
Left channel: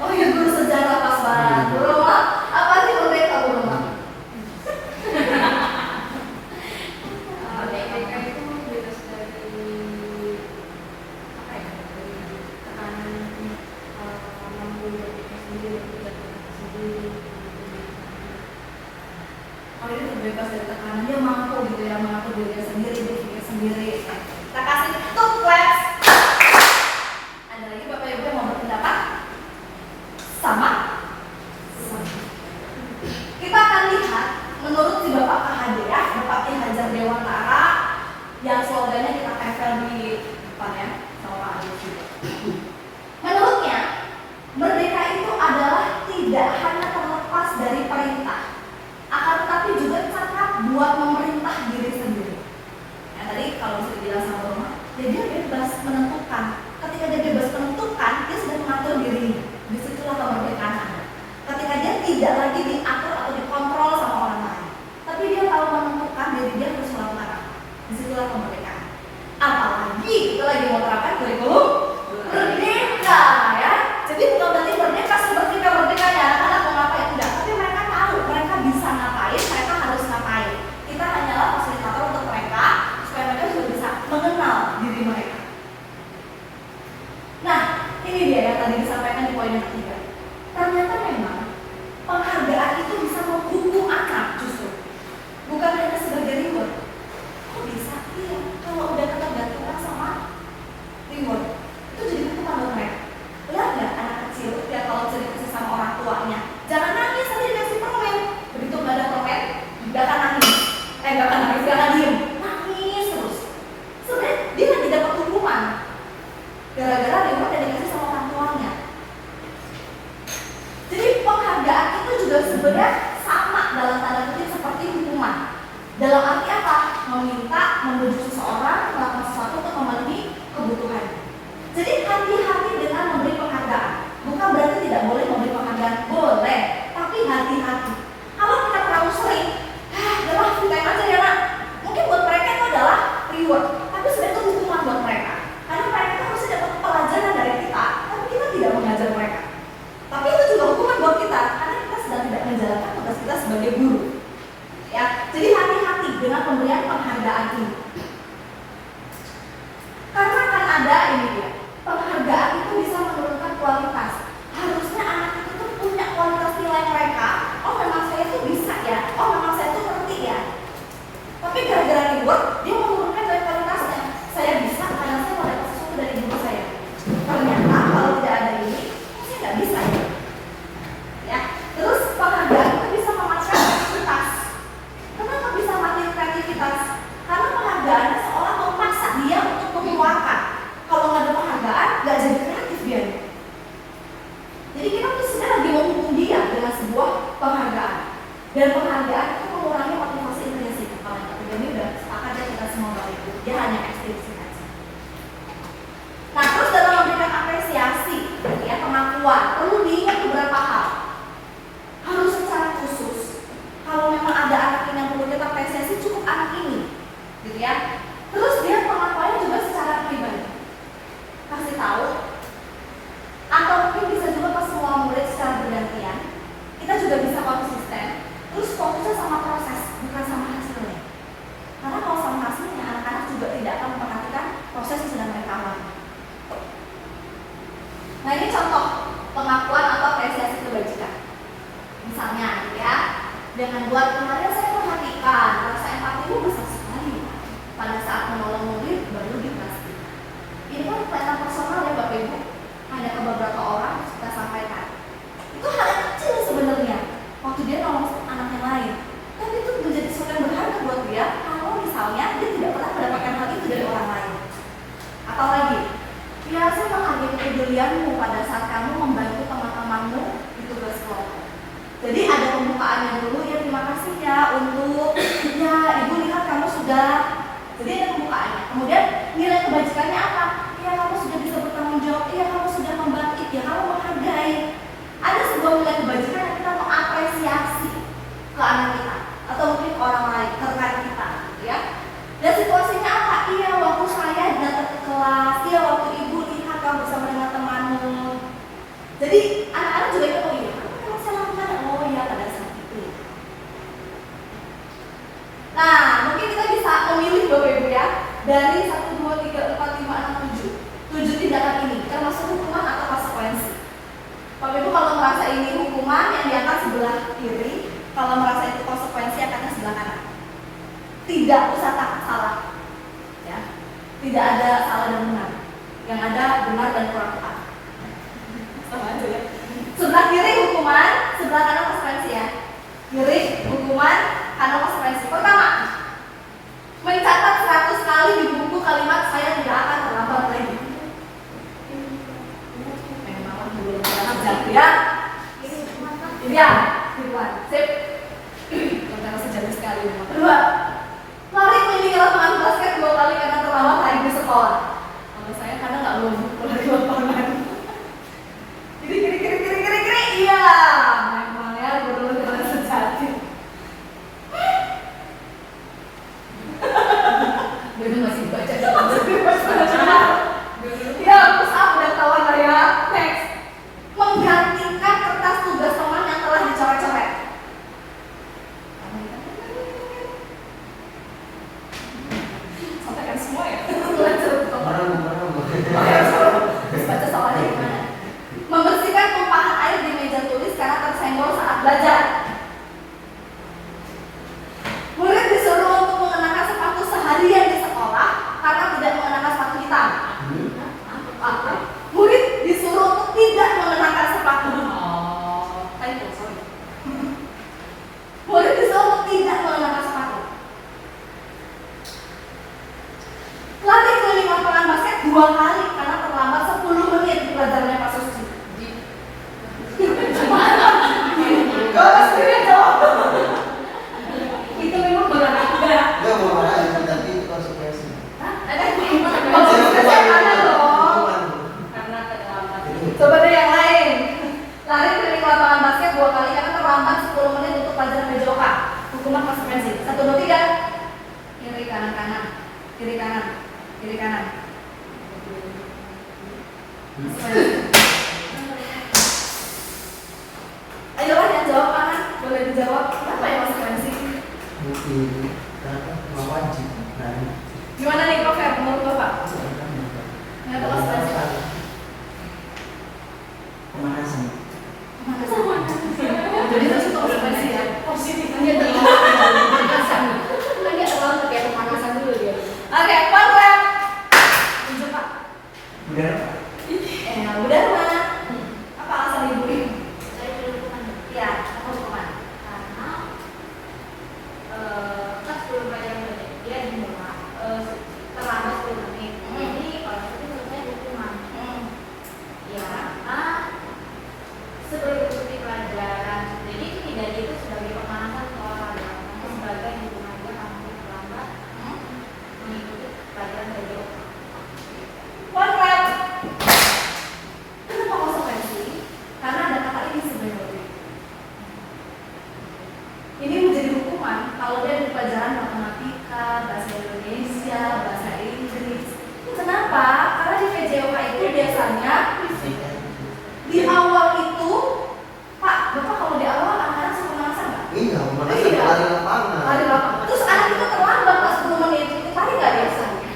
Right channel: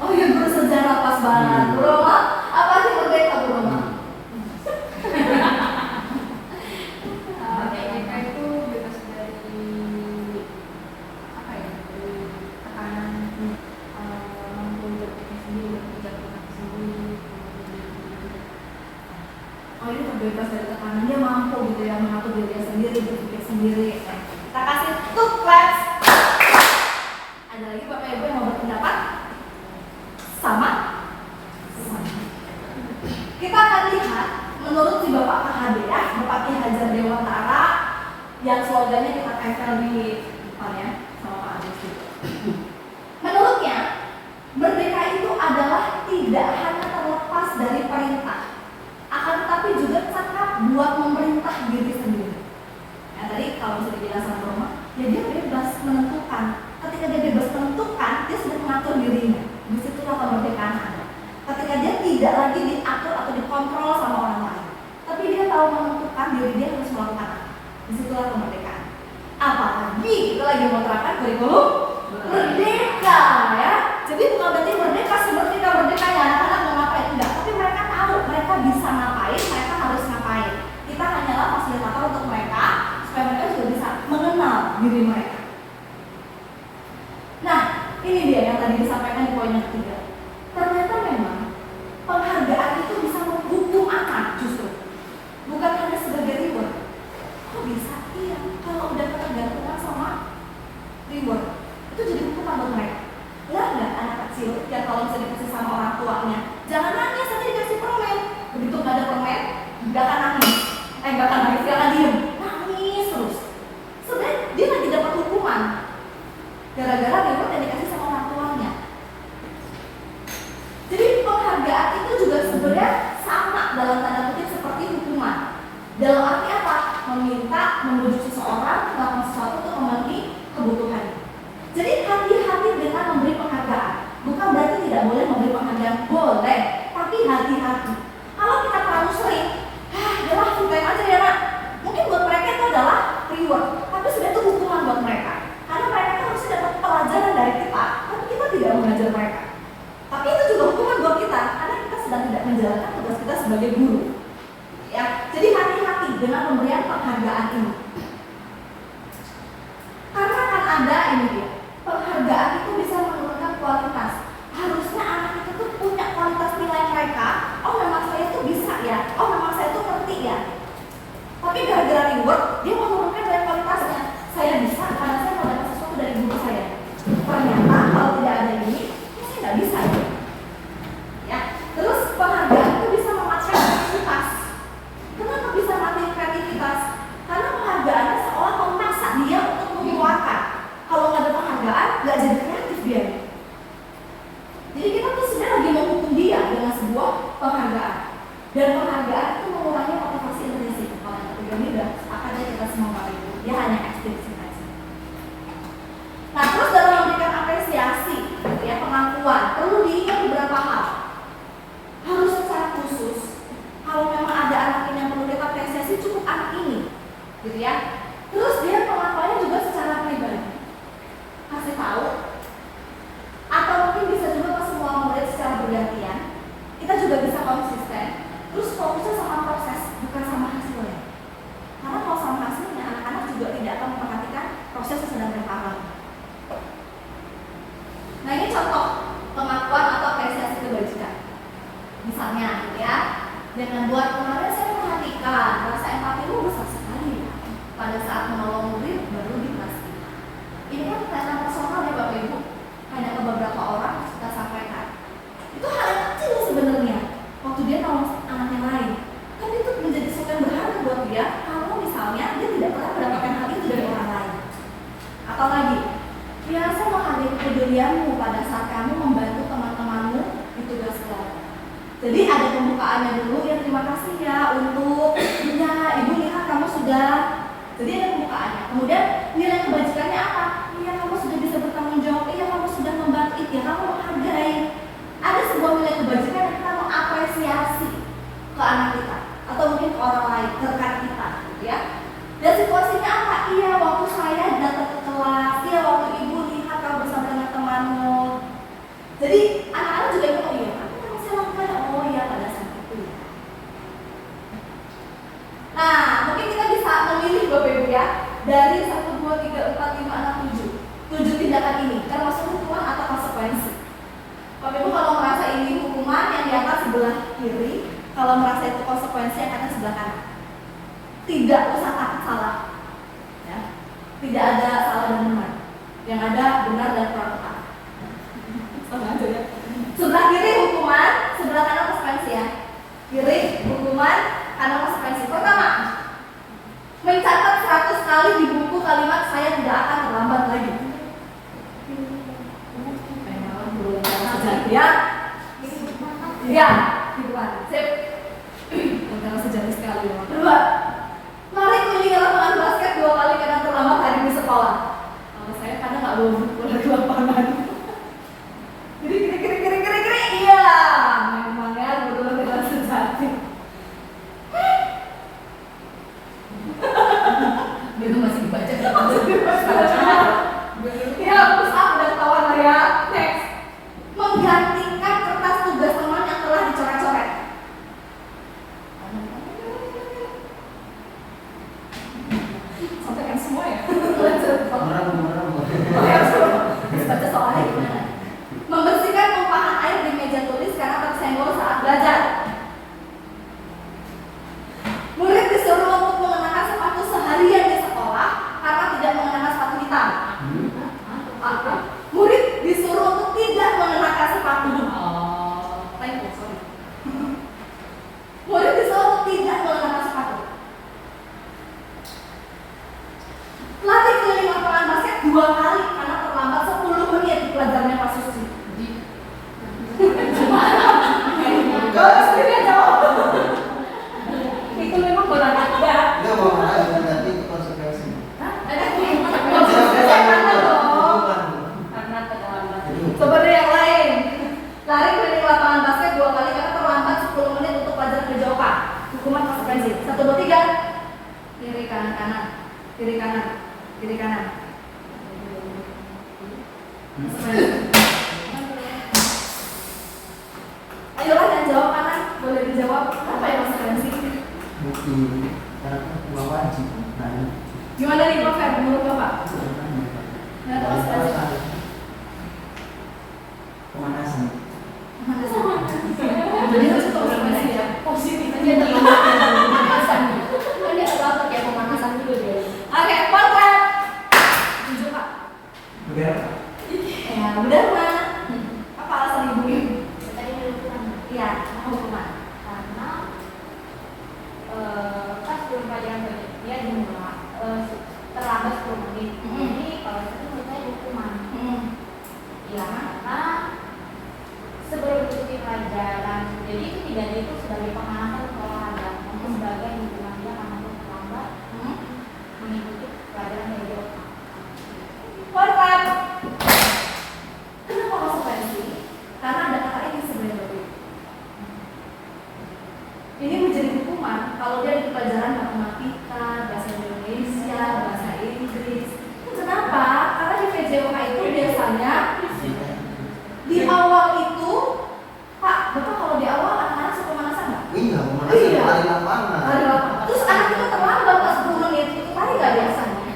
Oh iya, guru sejarah pas banget. Guru apa sih merdeka guru? Merdeka itu bebas dari apa ya? Dari tekanan mampu berdiri sendiri bebas dari tekanan, dia mampu gitu ya mengatur dirinya sendiri, berpikir sendiri. Kita kasih tepuk claps. Ada lagi Bapak Ibu yang mau berpendapat? Sama? Kita akan lihat menurut si Bapak KHD ya, Bapak Ki Hajar Dewantara yang slogannya kita tempel di depan ya, sama Pak Anies juga. Menurutnya, merdeka itu adalah tidak hanya terlepas dari perintah, akan tetapi juga cakap buat memerintah diri sendiri. Nah tadi kalau bisa dibilang sama Roma, ya dia bebas menentukan. Ketika dia bebas menentukan, dia sudah mengatur dirinya. Disitulah kemerdekaan ada. Ketika dia tidak lagi diatur atau dikontrol sama orang lain, tapi dia tahu menentukan diri dia harus melakukan apa. Disitulah kemerdekaan. Apalagi kita lagi mau terapkan kurikulum merdeka ya. Jadi bukan berarti merdeka seperti kita merdekanya anak-anak mau ngapain, enggak. Tapi mereka tahu mereka bisa ngapain, mereka harus ngapain. Kita hanyalah fasilitator untuk mereka supaya mereka juga bisa mengenal diri mereka. Nah, ini dia yang tadi disampaikan di poin yang ketiga. Ternyata memang penghargaan itu bisa menghukum anak justru, bukan hanya sebagai reward. Kok bisa? Iya, kalau udah ketergantungan sama reward, itu jadi hukuman buat mereka. Lihat nggak anak kecil ya kalau bisa dikasih sama orang tuanya, jangan nangis nanti dikasih permen. Begitu nggak ada permen, nggak akan nangis. Nggak akan nangis, nggak akan diem, nangis terus. Sebenarnya dia lagi dapat hukuman gara-gara reward yang dikasih sama orang tuanya. Jadi penghargaan itu juga sebenarnya sama dalam tanda kutip seperti hukuman. Dalam arti apa? Meminta, membujuk seseorang melakukan sesuatu untuk memenuhi kebutuhan. Jadi hati-hati dengan memberi penghargaan. Bukan berarti tidak boleh memberi penghargaan, boleh, tapi hati-hati. Kalau kita terlalu sering, udahlah full time aja ya Mak. Mungkin buat mereka itu adalah reward, tapi sebenarnya itu hukuman buat mereka. Karena mereka harusnya dapat pelajaran dari kita, tapi kita tidak mengajar mereka. Tapi itu juga hukuman buat kita, karena kita sedang tidak menjalankan tugas kita sebagai guru. Ya, jadi hati-hati dengan pemberian penghargaan ini. Karena akan ada ini dia, penghargaan itu bisa menurunkan kualitas. Harusnya anak itu tuh punya kualitas nilai mereka. Oh memang saya tuh bisa ya, oh memang saya tuh ngerti ya. Tapi gara-gara reward, dia menurunkan nilai kualitasnya. Saya bisa karena saya mau dapat sesuatu dari guru saya. Ternyata kalau tidak ada ini, saya nggak bisa ya. Ya, terus penghargaan itu bisa mematahkan kreativitas. Kenapa bisa mati kreativitas? Karena penghargaannya seolah memaksa dia untuk mengeluarkan. Kalau nggak ada penghargaan, nggak jadi kreatif dia. Jadi kita tuh sebenarnya lagi menghukum dia dengan sebuah penghargaan. Dan penghargaan itu mengurangi motivasi intrinsik. Kalau yang ketiga ini udah sepakat ya kita semua Bapak Ibu. Dia hanya ekstrinsik aja. Nah terus dalam memberikan apresiasi, gitu ya, pengakuan, perlu diingat beberapa hal. Harus secara khusus. Kalau memang ada anak ini yang perlu kita apresiasi, cukup anak ini, gitu ya. Terus dia pengakuannya juga secara pribadi. Kasih tahu. Atau mungkin bisa juga pas semua murid secara bergantian. Kita juga bisa konsisten. Terus fokusnya sama proses, bukan sama hasilnya. Karena kalau sama hasilnya, anak-anak juga tidak akan memperhatikan proses yang sedang mereka alami. Nah ini contoh pengakuan atau apresiasi kebajikan. Misalnya ya, jangan buat kemarin saya perhatikan rasa empatimu besar sekali ya. Pada saat menolong murid baru dipastikan. Ini kan kelihatan personal ya Bapak Ibu. Hanya ke beberapa orang kita sampaikan. Itu hal yang kecil sebenarnya. Waktu dia nolong anaknya lain, tapi itu menjadi sesuatu yang berharga buat dia. Kalau misalnya dia tidak pernah mendapatkan hal itu dari orang lain. Atau lagi, ya saya menghargai kepedulianmu pada saat kamu membantu teman-temanmu di tugas kelompok. Jadi ada pembukaannya dulu ya, terima kasih ya untuk ya ibu lihat kamu sudah. Jadi ada pembukaannya. Kemudian nilai kebajikannya apa? Iya kamu sudah bisa bertanggung jawab. Iya kamu sudah membantu. Ya kamu menghargai. Ada sebuah nilai kebajikan yang kita mengapresiasi ke anak kita atau mungkin orang lain terkait kita, ya. Dan situasinya apa? Iya waktu saya datang ke kelas. Iya waktu ibu lihat kamu bersama dengan temanmu. Jadi anak-anak juga itu oh iya. Memang saya lakukan oh iya pada saat itu ya. Nah mungkin kita bisa memilih Bapak Ibu ya dari 1, 2, 3, 4, 5, 6, 7 tindakan ini termasuk hukuman atau konsekuensi. Bapak Ibu kalau merasa ini hukuman yang diangkat sebelah kiri, kalau merasa itu konsekuensi akan sebelah kanan. tidak usah takut salah, ya. Tidak ada salah dan benar, yang ada benar dan kurang tepat. Sama aja ya. Sebelah kiri hukuman, sebelah kanan konsekuensi ya. Kiri hukuman, kanan konsekuensi. Pertama, mencatat 100 kali di buku kalimat saya tidak akan terlambat lagi. Memang dulu ya. Ya, gituan. Sip. Antara sejati sekali. Kedua, lari keliling lapangan basket 2 kali karena terlambat hari di sekolah. Kalau saya karena nggak boleh di lapangan. Kiri. Iya, memang ya benar dengan sejati. Dia masih baca. Ya, terus aku udah kawan ya. Next, menggantikan kertas tugas teman yang telah dicoret-coret. Sampaikan semua ya. Terus baca soalnya gimana? Membersihkan tumpahan air di meja tulis karena tersenggol saat belajar. Murid disuruh untuk mengenakan sepatu seharian di sekolah karena tidak mengenakan sepatu hitam. Murid disuruh untuk tidak mengenakan sepatu. Murid disuruh untuk tidak mengenakan sepatu. Latih keliling lapangan basket 2 kali karena terlambat 10 menit di pelajarannya Pak Susi. Kalau sendiri jawab. Itu memang benar enggak? Enggak mau marah, tapi itu konsekuensi. Ada konsekuensi mana dong? Karena terlambat. Coba deh yang lain. Lari keliling lapangan basket 2 kali karena terlambat 10 menit untuk pelajaran PJOK. Hukuman konsekuensi. 1, 2, 3. Kiri kanan kanan. Kiri kanan. Kiri kanan. Ayolah yang jawab kanan. Boleh dijawab apa yang konsekuensi? Karena mau wajib. Gimana nih Prof? Menurut Bapak? Kenapa konsekuensi? Pemanasan. Jadi itu satu konsekuensi ya. Positifnya terlambat pemanasan. Kan dia terlambat kayak pemanasan dulu dia. Oke, kontrak. Tunjuk Pak. Udah. Udah mah. Apa alasan ibu ini? Tadi hukuman. Iya, hukuman. Karena pas sebelum pelajaran dia dimulai terlambat 10 menit. Jadi kalau itu menurut saya hukuman. Iya, karena sebelum mengikuti pelajaran, jadi itu tidak itu sebagai pemanasan ke olahraga, namun sebagai hukuman dia karena dia terlambat mengikuti pelajaran dari Kontrak. Kenapa konsekuensi? Karena ada kata ini sebenarnya. Ini menjadi hukuman kalau dia di pelajaran matematika, bahasa Indonesia, bahasa Inggris. Kenapa? Karena di PJOK itu biasanya di awal itu, Pak, Bapak kalau di awal anak-anak suka pemanasan nggak? Iya, pemanasan Iya. lari lapangan. Lari lapangan. Terus anak kita terlambat pas 10 menit, itu lari nggak biasanya?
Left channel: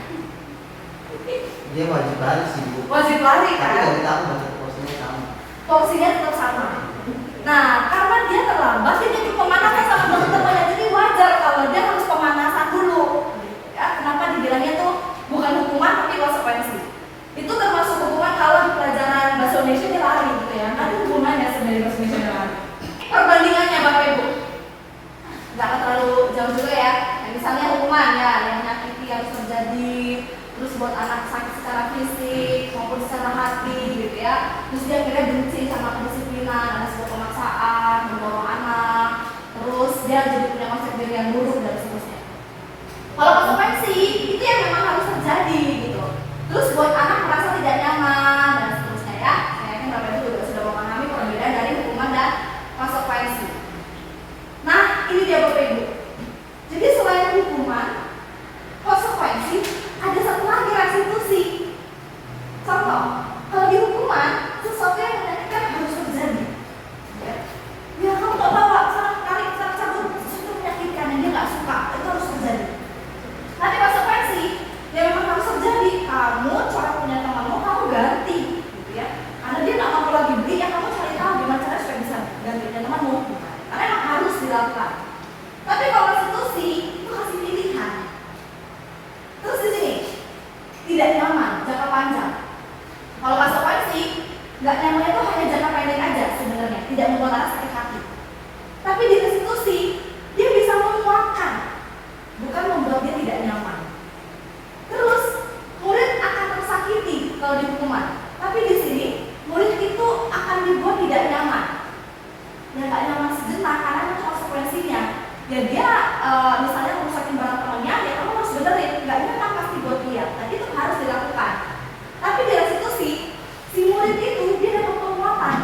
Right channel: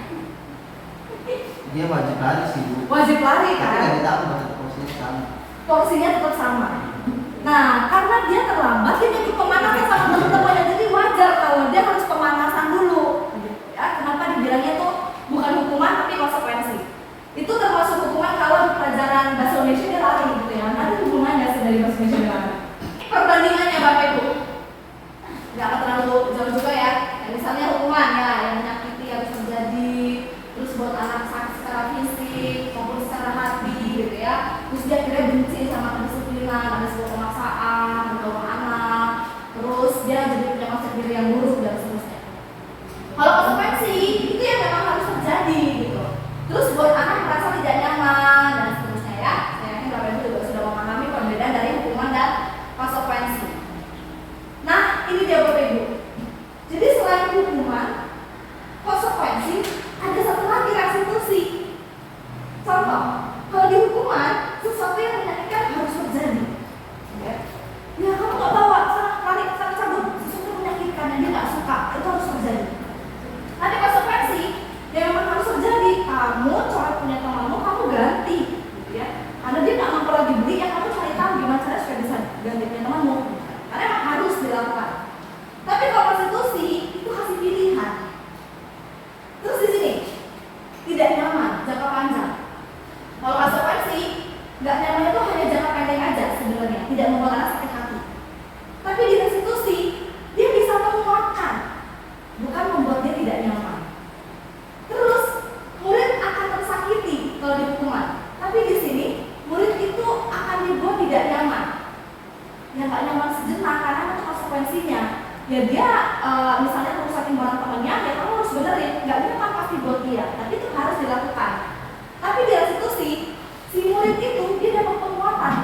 Dia wajib lari sih, Bu. Wajib lari Tapi kan? nggak ditambah baca porsinya sama. Porsinya tetap sama. Nah, karena dia terlambat, dia ikut pemanasan sama teman-temannya, jadi wajar kalau dia harus pemanasan dulu. Ya, kenapa dibilangnya tuh bukan hukuman tapi konsekuensi? Itu termasuk hukuman kalau di pelajaran bahasa Indonesia dia lari gitu ya. Nanti hubungannya dari bahasa Indonesia dia lari. Perbandingannya Bapak Ibu, nggak terlalu jauh juga ya. Misalnya hukuman ya, yang menyakiti yang terjadi, terus buat anak sakit secara fisik maupun secara hati gitu ya. Terus dia akhirnya benci sama kedisiplinan, ada sebuah pemaksaan, mengganggu anak, terus dia jadi punya konsep diri yang buruk dan seterusnya. Kalau konsekuensi itu yang memang harus terjadi gitu. Terus buat anak merasa tidak nyaman dan seterusnya ya. Saya yakin Bapak Ibu juga sudah memahami perbedaan dari hukuman dan konsekuensi. Nah, ini dia Bapak Ibu. Jadi selain hukuman, konsekuensi, ada satu lagi restitusi. Contoh, kalau di hukuman, sesuatu yang menyakitkan harus terjadi. Ya, kamu nggak bawa, tarik, cabut, sesuatu yang menyakitkan dan dia nggak suka, itu harus terjadi. Tapi konsekuensi, ya memang harus terjadi. Kamu coret punya temanmu, kamu ganti, gitu ya. Karena dia nggak mampu lagi beli, ya kamu cari tahu gimana caranya supaya bisa ganti punya temanmu. Karena emang harus dilakukan. Tapi kalau restitusi itu kasih pilihan. ya dia misalnya merusakin barang temannya, ya kamu harus benerin, nggak ini kan pasti buat dia, tapi itu harus dilakukan. Tapi di restitusi, si murid itu dia dapat penguatan.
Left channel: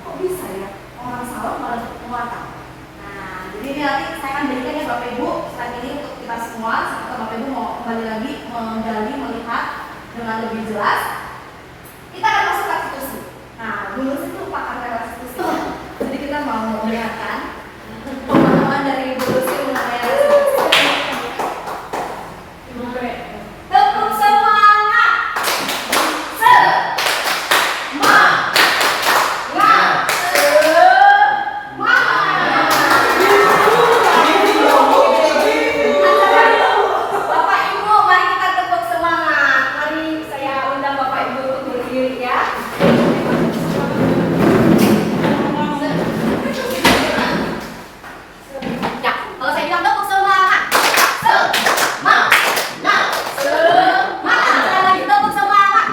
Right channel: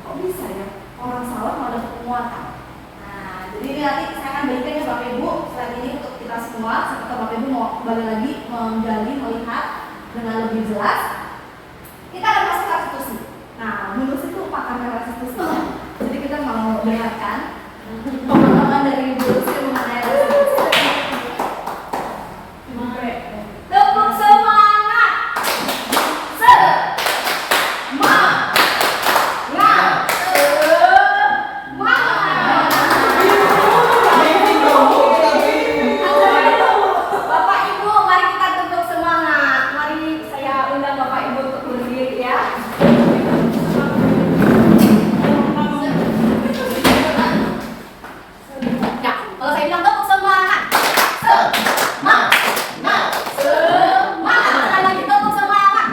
Kok bisa ya orang salah malah dapat penguatan? Nah, jadi ini nanti saya akan berikan ya Bapak Ibu slide ini untuk kita semua, sampai Bapak Ibu mau kembali lagi menggali, melihat dengan lebih jelas. Kita akan masuk ke restitusi. Nah, dulu itu pakar restitusi. Jadi kita mau melihatkan pemahaman dari Ibu Lucy mengenai restitusi. Tepuk semangat. Bapak Ibu, mari kita tepuk semangat. Mari saya undang Bapak Ibu untuk berdiri ya. Ya, kalau saya bilang tepuk semangat. Semangat. Semangat. Sekali lagi tepuk semangat.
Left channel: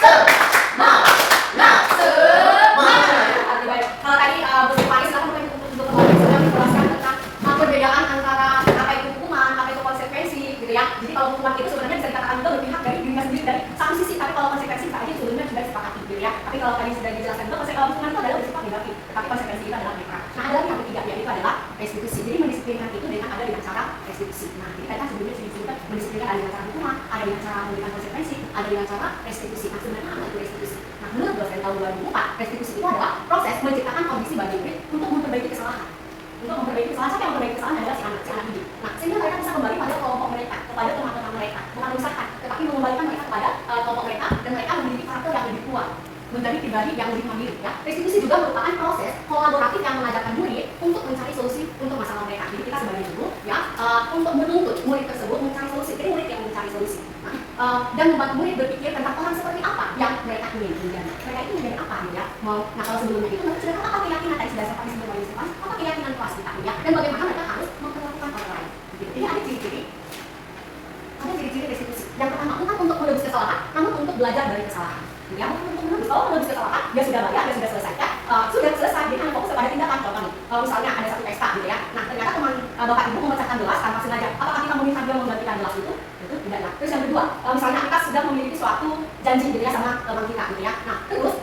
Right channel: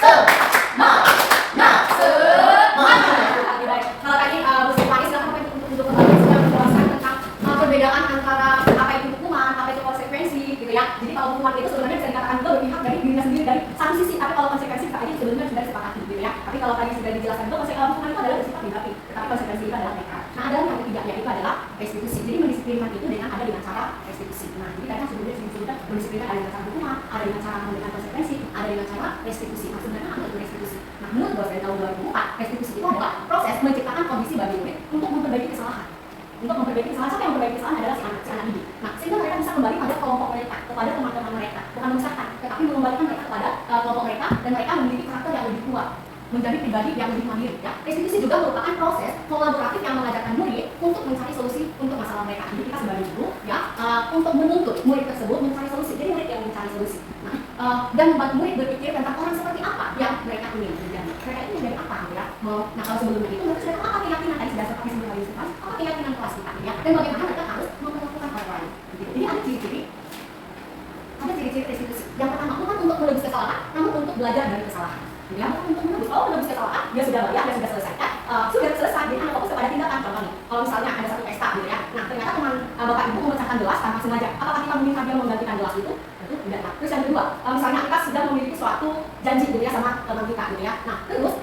Semangat. Semangat. Oke, baik. Kalau tadi Bu Sri Paris lakukan untuk kembali sudah menjelaskan tentang perbedaan antara apa itu hukuman, apa itu konsekuensi, gitu ya. Jadi kalau hukuman itu sebenarnya bisa dikatakan juga berpihak dari dirinya sendiri dari satu sisi, tapi kalau konsekuensi tadi sebenarnya sudah disepakati, gitu ya. Tapi kalau tadi sudah dijelaskan juga hukuman itu adalah bersifat negatif, tapi konsekuensi itu adalah mereka. Nah, ada yang ketiga yaitu adalah restitusi. Jadi mendisiplinkan itu dengan ada dengan cara restitusi. Nah, jadi tadi kan sebelumnya disebutkan mendisiplinkan ada dengan cara hukuman, ada dengan cara memberikan konsekuensi, ada dengan cara restitusi. Nah, sebenarnya apa itu restitusi? Nah, menurut dosen tahun 2004, restitusi itu adalah proses menciptakan kondisi bagi murid untuk memperbaiki kesalahan. Untuk memperbaiki kesalahan, siapa yang memperbaiki kesalahan adalah si anak ini. Nah, sehingga mereka bisa kembali pada kelompok mereka, kepada teman-teman mereka, bukan menyesatkan, tetapi mengembalikan mereka kepada kelompok mereka dan mereka memiliki karakter yang lebih kuat, menjadi pribadi yang lebih mandiri. Ya, restitusi juga merupakan proses kolaboratif yang mengajarkan murid untuk mencari solusi untuk masalah mereka. Jadi kita sebagai guru, ya, untuk menuntut murid tersebut mencari solusi. Jadi murid yang mencari solusi. Nah, dan membuat murid berpikir tentang orang seperti apa yang mereka ingin menjadi. Mereka itu menjadi apa, gitu ya? Nah, kalau sebelumnya itu mereka sudah tahu apa keyakinan tadi sudah seperti sebelum lagi apa keyakinan kelas kita, ya, dan bagaimana mereka harus memperlakukan orang lain. Gitu. Jadi ada ciri-ciri restitusi. Yang pertama bukan untuk menebus kesalahan, namun untuk belajar dari kesalahan. Ya, untuk menebus kesalahan, dia sudah bayar, dia sudah selesaikan, sudah selesai, dia hanya fokus kepada tindakan. Contohnya, kalau misalnya ada satu pesta, gitu ya, nah ternyata teman Bapak Ibu memecahkan gelas tanpa sengaja, apakah kita meminta dia menggantikan gelas itu? Itu tidak. Nah, terus yang kedua, kalau misalnya kita sudah memiliki suatu janji, gitu ya, sama teman kita, gitu ya, nah terus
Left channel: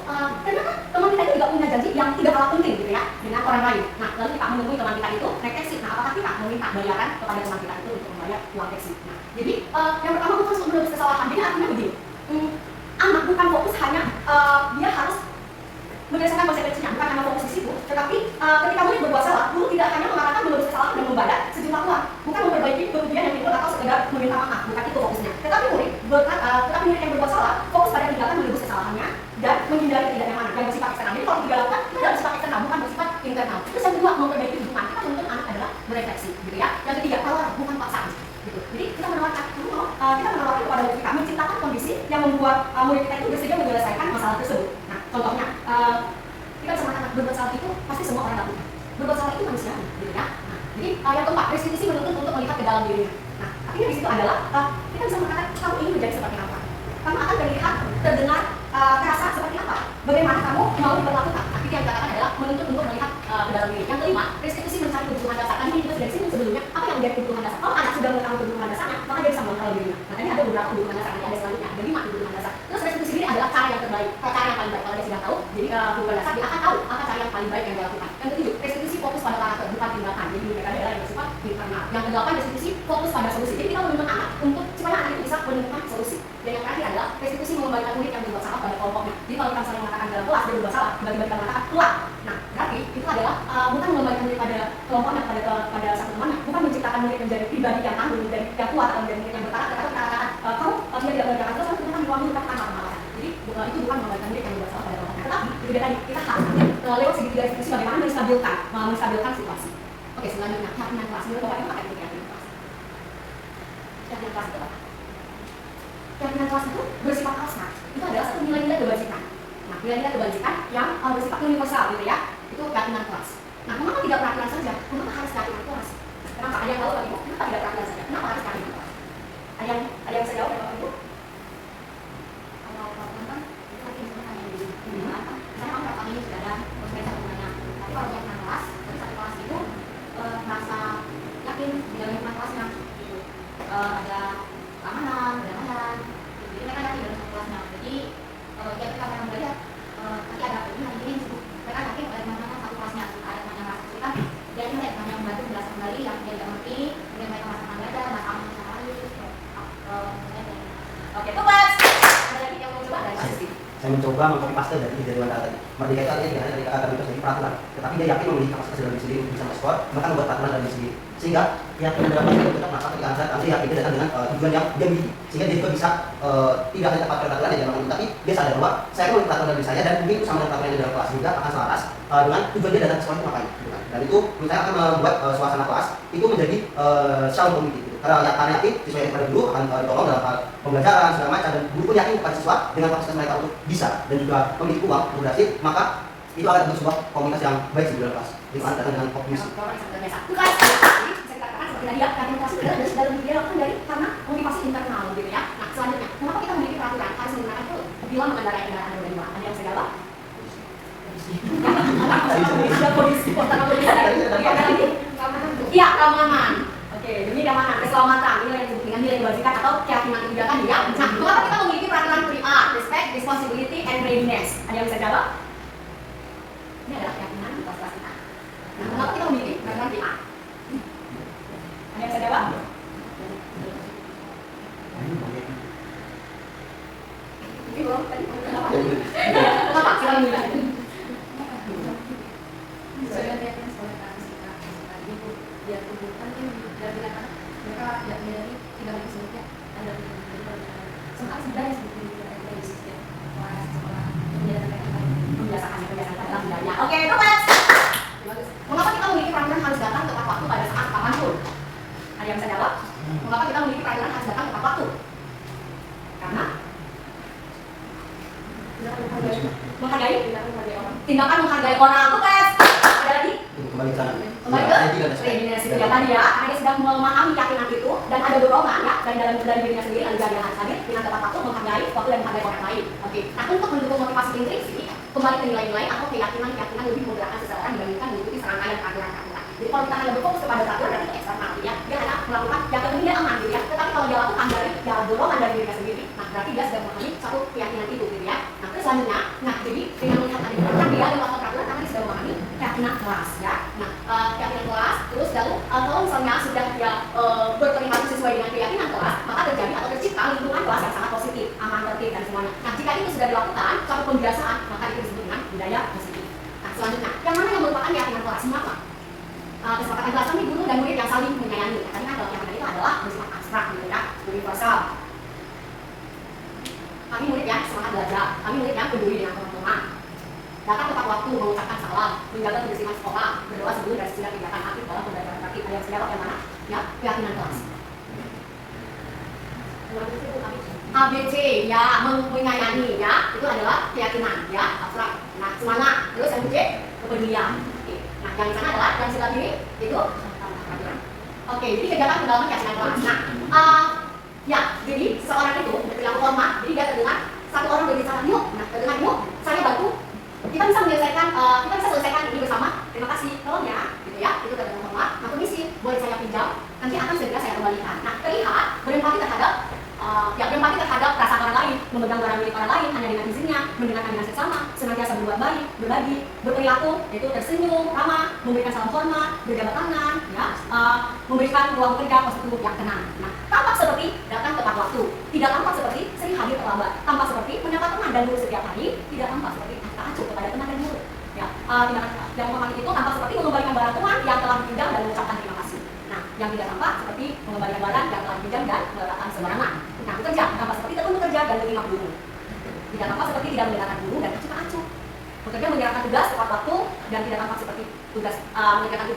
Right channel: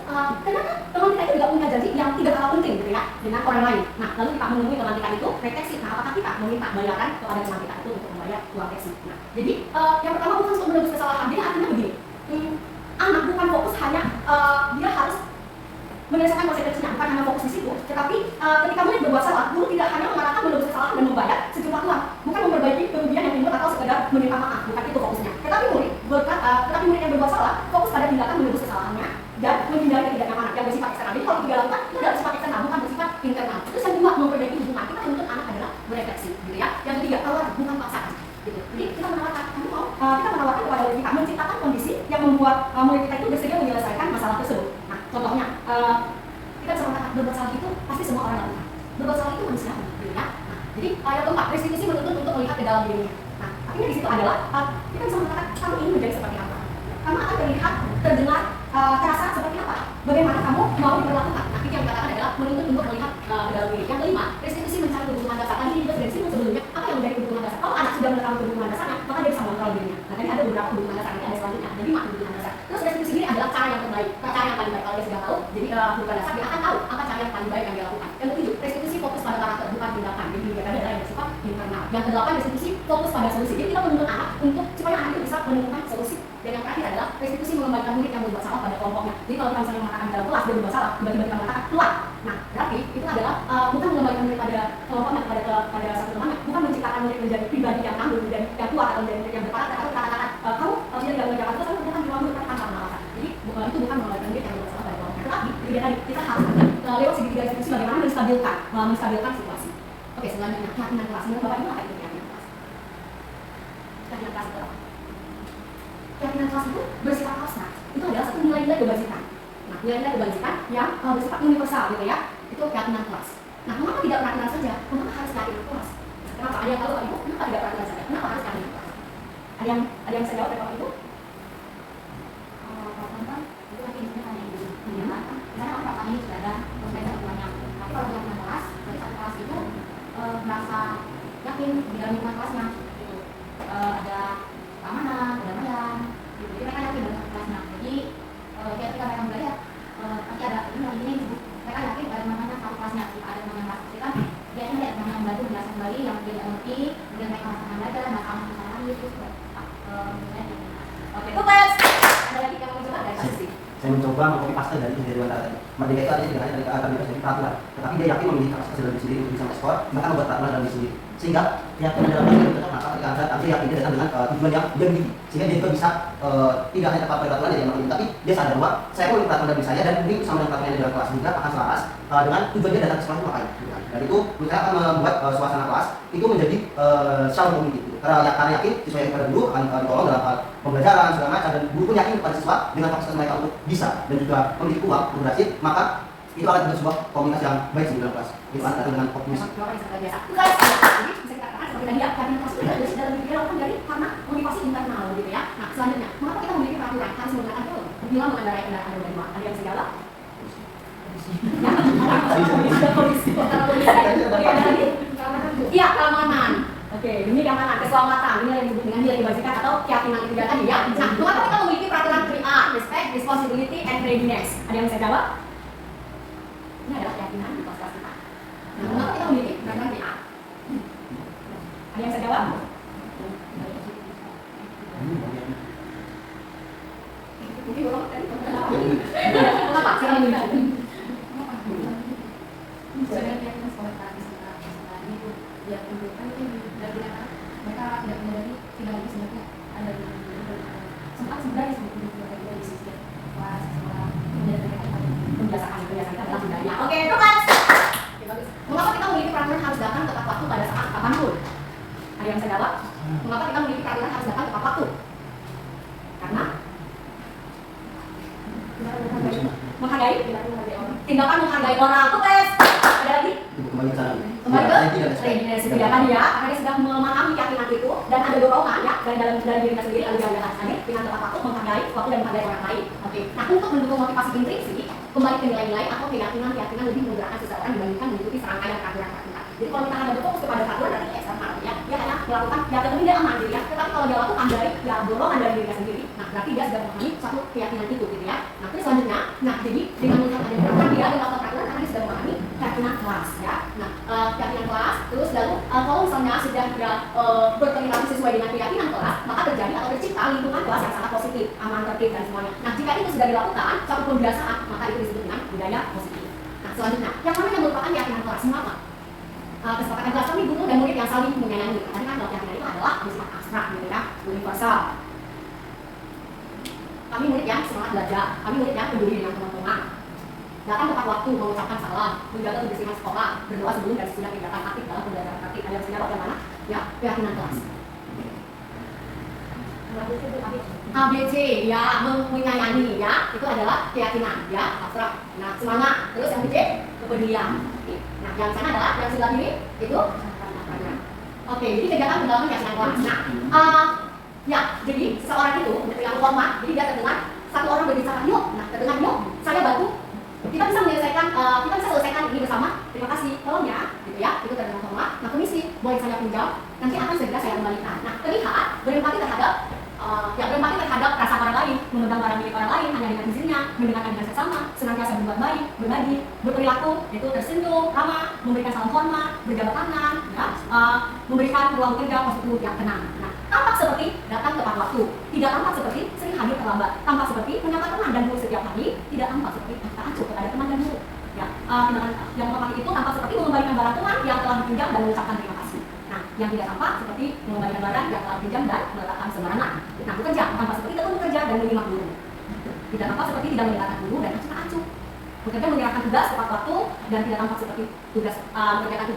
ternyata teman kita itu juga punya janji yang tidak kalah penting, gitu ya, dengan orang lain. Nah, lalu kita menemui teman kita itu, naik taksi. Nah, apakah kita meminta bayaran kepada teman kita itu untuk membayar uang taksi? Nah, jadi yang pertama bukan untuk menebus kesalahan. Jadi artinya begini. Anak bukan fokus hanya dia harus menyelesaikan konsekuensinya, bukan hanya fokus di situ, tetapi ketika murid berbuat salah, guru tidak hanya mengarahkan menebus kesalahan dan membayar sejumlah uang, bukan memperbaiki kerugian yang timbul atau sekedar meminta maaf, bukan itu fokusnya. Tetapi murid yang berbuat salah fokus pada tindakan menebus kesalahannya dan menghindari ketidaknyamanan yang bersifat eksternal. Jadi kalau tiga lakukan itu adalah bersifat eksternal, bukan bersifat internal. Terus yang kedua, memperbaiki hubungan. Kita menuntut anak adalah berefleksi, gitu ya. Yang ketiga, tawaran, bukan paksaan. Gitu. Jadi kita menawarkan kepada murid kita menciptakan kondisi yang membuat murid kita itu bersedia menyelesaikan masalah tersebut. Nah, contohnya kita bisa mengatakan berbuat salah itu pasti semua orang lakukan. Berbuat salah itu manusiawi, gitu ya. Nah, jadi yang keempat, restitusi menuntut untuk melihat ke dalam dirinya. Nah, artinya di situ adalah kita bisa mengatakan kamu ingin menjadi seperti apa. Kamu akan terlihat, terdengar, terasa seperti apa. Bagaimana kamu mau diperlakukan. Nah, itu yang dikatakan adalah menuntut untuk melihat ke dalam diri. Yang kelima, restitusi mencari kebutuhan dasar. Tadi kita sudah disinggung sebelumnya, apa yang menjadi kebutuhan dasar. Kalau anak sudah mengetahui kebutuhan dasarnya, maka dia bisa mengontrol dirinya. Nah, tadi ada beberapa kebutuhan dasar, nanti ada selanjutnya, ada 5 kebutuhan dasar. Terus restitusi ini adalah cara yang terbaik, cara yang paling baik. Kalau dia sudah tahu, jadi kebutuhan dasar dia akan tahu apa cara yang paling baik yang dia lakukan. Yang ketujuh, restitusi fokus pada karakter, bukan tindakan. Jadi tindakan adalah yang bersifat internal. Yang kedelapan, restitusi fokus pada solusi. Jadi kita menuntut anak untuk supaya anak itu bisa menemukan solusi. Dan yang terakhir adalah restitusi mengembalikan murid yang berbuat salah pada kelompoknya. Jadi kalau kita misalnya mengatakan dalam kelas dia berbuat salah, tiba-tiba kita mengatakan pulang. Nah, berarti itu adalah bukan mengembalikan murid pada kelompoknya, pada satu temannya, bukan menciptakan murid menjadi pribadi yang tangguh, menjadi yang kuat, atau menjadi murid yang berkarakter, atau kita katakan kamu tidak mengerjakan terus, kamu kemudian diwangi tanpa pengawasan. Jadi itu bukan mengembalikan murid yang berbuat salah pada kelompoknya. Tetapi itu dia tadi kita harus lewat segitiga restitusi bagaimana menstabilkan situasi. Oke, selanjutnya keyakinan kelas. Menurut Bapak Ibu apa itu keyakinan kelas? Keyakinan kelas itu apa? Keyakinan kelas itu bersifat abstrak. Itu adalah satu nilai-nilai kebajikan. Nah, nilai-nilai kebajikan yang bersifat universal, gitu ya. Itu keyakinan kelas. Nah, mengapa tidak perhatian saja? Kenapa harus keyakinan kelas? Kenapa? Ada yang tahu Bapak Ibu? Kenapa tidak perhatian saja? Kenapa harus keyakinan kelas? Ada yang bisa jawab Bapak Ibu? Kalau perhatian kan itu tadi misalnya yang di apa? Misalnya orang pertama ini sudah ada proses sebenarnya. Tapi kalau keyakinan kelas, dari satu kelas itu merasa mencoba mengcopy paste dari tujuan data tadi. Merdeka itu artinya tidak hanya dari terlibat dari peraturan, tetapi dia yakin memiliki kapasitas dalam diri sendiri untuk bisa mengekspor, bahkan membuat peraturan dalam diri sendiri. Sehingga keyakinan dalam diri itu tetap menatap ketika dia yakin dia datang dengan tujuan yang dia miliki, sehingga dia juga bisa tidak hanya tepat pada peraturan yang dia makan, tapi dia sadar bahwa saya memiliki peraturan dalam diri saya dan mungkin sama dengan peraturan yang dalam kelas, sehingga akan selaras dengan tujuan dia datang ke sekolah itu ngapain. Gitu kan. Dan itu menurut saya akan membuat suasana kelas itu menjadi sound community. Karena yakin siswa yang pada guru akan ditolong dalam hal pembelajaran segala macam, dan guru pun yakin kepada siswa dengan kapasitas mereka untuk bisa dan juga memiliki uang untuk berhasil, maka itu akan menjadi sebuah komunitas yang baik di dalam kelas. Itu akan datang dengan optimis. Bukan jadi bisa dikatakan seperti tadi ya, karena motivasi itu adalah dalam diri lakukan dari karena motivasi internal gitu ya. Nah selanjutnya, mengapa kita memiliki peraturan harus menggunakan itu bila mengendarai kendaraan roda 2? Ada yang segala? Ada polisi, kota polisi. Ada lagi? Iya, keamanan. Oke, demi keamanan, keselamatan, ini yang disebut dengan nilai kebajikan atau keyakinan ketiga tadi ya. Nah, mengapa kita memiliki peraturan 3R, respect, responsibility, and readiness? Ada yang bisa jawab? Ini adalah keyakinan di kelas kita. Nah, mengapa kita memiliki peraturan 3R? Ada yang bisa jawab? Mungkin belum tadi. Mengapa? Silakan menjawab. Saya lihatnya sekolah itu dia tunjukkan dari mereka tidak menyadari tidak harus sebutnya ada sempat sebenarnya sebetulnya ada di sisi kelas sekolah menjadi Membiasakan dalam budaya. Oke, itu mas. Mengapa kita memiliki peraturan harus datang tepat waktu pada saat kapanpun? Ada yang bisa jawab? Mengapa kita memiliki peraturan harus datang tepat waktu? Karena menghargai orang. Tindakan menghargai orang. Itu mas. Ada lagi? Itu kembali ke sana. Kembali ke readiness itu ya tadi ya, karena dia sudah memahami keyakinan itu dan ada dorongan ya dari dirinya sendiri, lalu dia harus hadir dengan tepat waktu menghargai waktu dan menghargai orang lain. Oke, nah untuk mendukung motivasi intrinsik, kembali ke nilai-nilai atau keyakinan lebih menggerakkan seseorang dibandingkan mengikuti serangkaian peraturan-peraturan. Jadi kalau kita hanya berfokus kepada peraturan berarti eksternal ya, dia hanya melakukan yang penting dia aman gitu ya. Tetapi kalau dia lakukan dari ya dorongan dari dirinya sendiri, nah berarti dia sudah memahami satu keyakinan itu gitu ya. Nah terus selanjutnya, nah jadi dengan melihat ada peraturan dia melakukan peraturan karena dia sudah memahami keyakinan kelas ya. Nah keyakinan kelas, terus lalu kalau misalnya sudah dia berperilaku sesuai dengan keyakinan kelas, maka terjadi atau tercipta lingkungan kelas yang sangat positif, aman, tertib dan semuanya. Nah jika itu sudah dilakukan suatu pembiasaan, maka itu disebut dengan budaya positif. Nah selanjutnya, yang mana yang merupakan keyakinan kelas? Mengapa? Kesepakatan kelas kami guru dan murid yang saling menyayangi. Tadi kan kalau keyakinan itu adalah bersifat abstrak gitu ya, universal. Kami murid yang semangat belajar, kami murid yang peduli dengan teman-teman. Datang tepat waktu, mengucapkan salam, menjaga kebersihan sekolah, berdoa sebelum dan sesudah kegiatan aktif dalam pembelajaran praktik. Ada yang segala yang mana? Ya, keyakinan kelas. ABC ya, menyayangi ya, itu adalah keyakinan ya, abstrak. Nah, semangat. Terus yang B, kepedulian. Nah, yang sana adalah yang sebelah kiri itu peraturan. Oke, jadi kegiatan pendalaman keyakinan kelas. Nah, ya, jadi seorang itu berperilaku hormat, jadi dia terdengar satu orang berbicara yuk, nah terdengar yuk, saya bantu. Kita bisa selesaikan ini bersama. Terima kasih, tolong ya, gitu ya. Itu terdengar hormat. Nah, permisi, boleh saya pinjam? Nanti akan segera saya kembalikan. Nah, terlihat berempati terhadap berempati terhadap perasaan orang lain, memegang barang milik orang lain hanya dengan izinnya, mendengarkan dengan seksama, senantiasa berbuat baik, berbagi, berperilaku, yaitu tersenyum, ramah, memberikan salam hormat, berjabat tangan, ya, memberikan ruang kerja positif yang tenang. Nah, tampak seperti datang tepat waktu, tidak tampak seperti sering hadir terlambat, tampak seperti menyapa teman dan guru setiap hari, tidak tampak seperti acuh kepada teman dan guru. Ya, tindakan yang hormat itu tampak seperti mengembalikan barang teman yang telah dipinjam dan mengucapkan terima kasih. Nah, yang tidak tampak seperti mengembalikan barang yang telah dipinjam dan meletakkan sembarangan. Nah, bekerja tampak seperti tekun bekerja dan menerima guru. Tidak tampak seperti tidak mendengarkan guru dan cuma acuh. Bekerja menyerahkan tugas tepat waktu dan tidak tampak seperti mengerjakan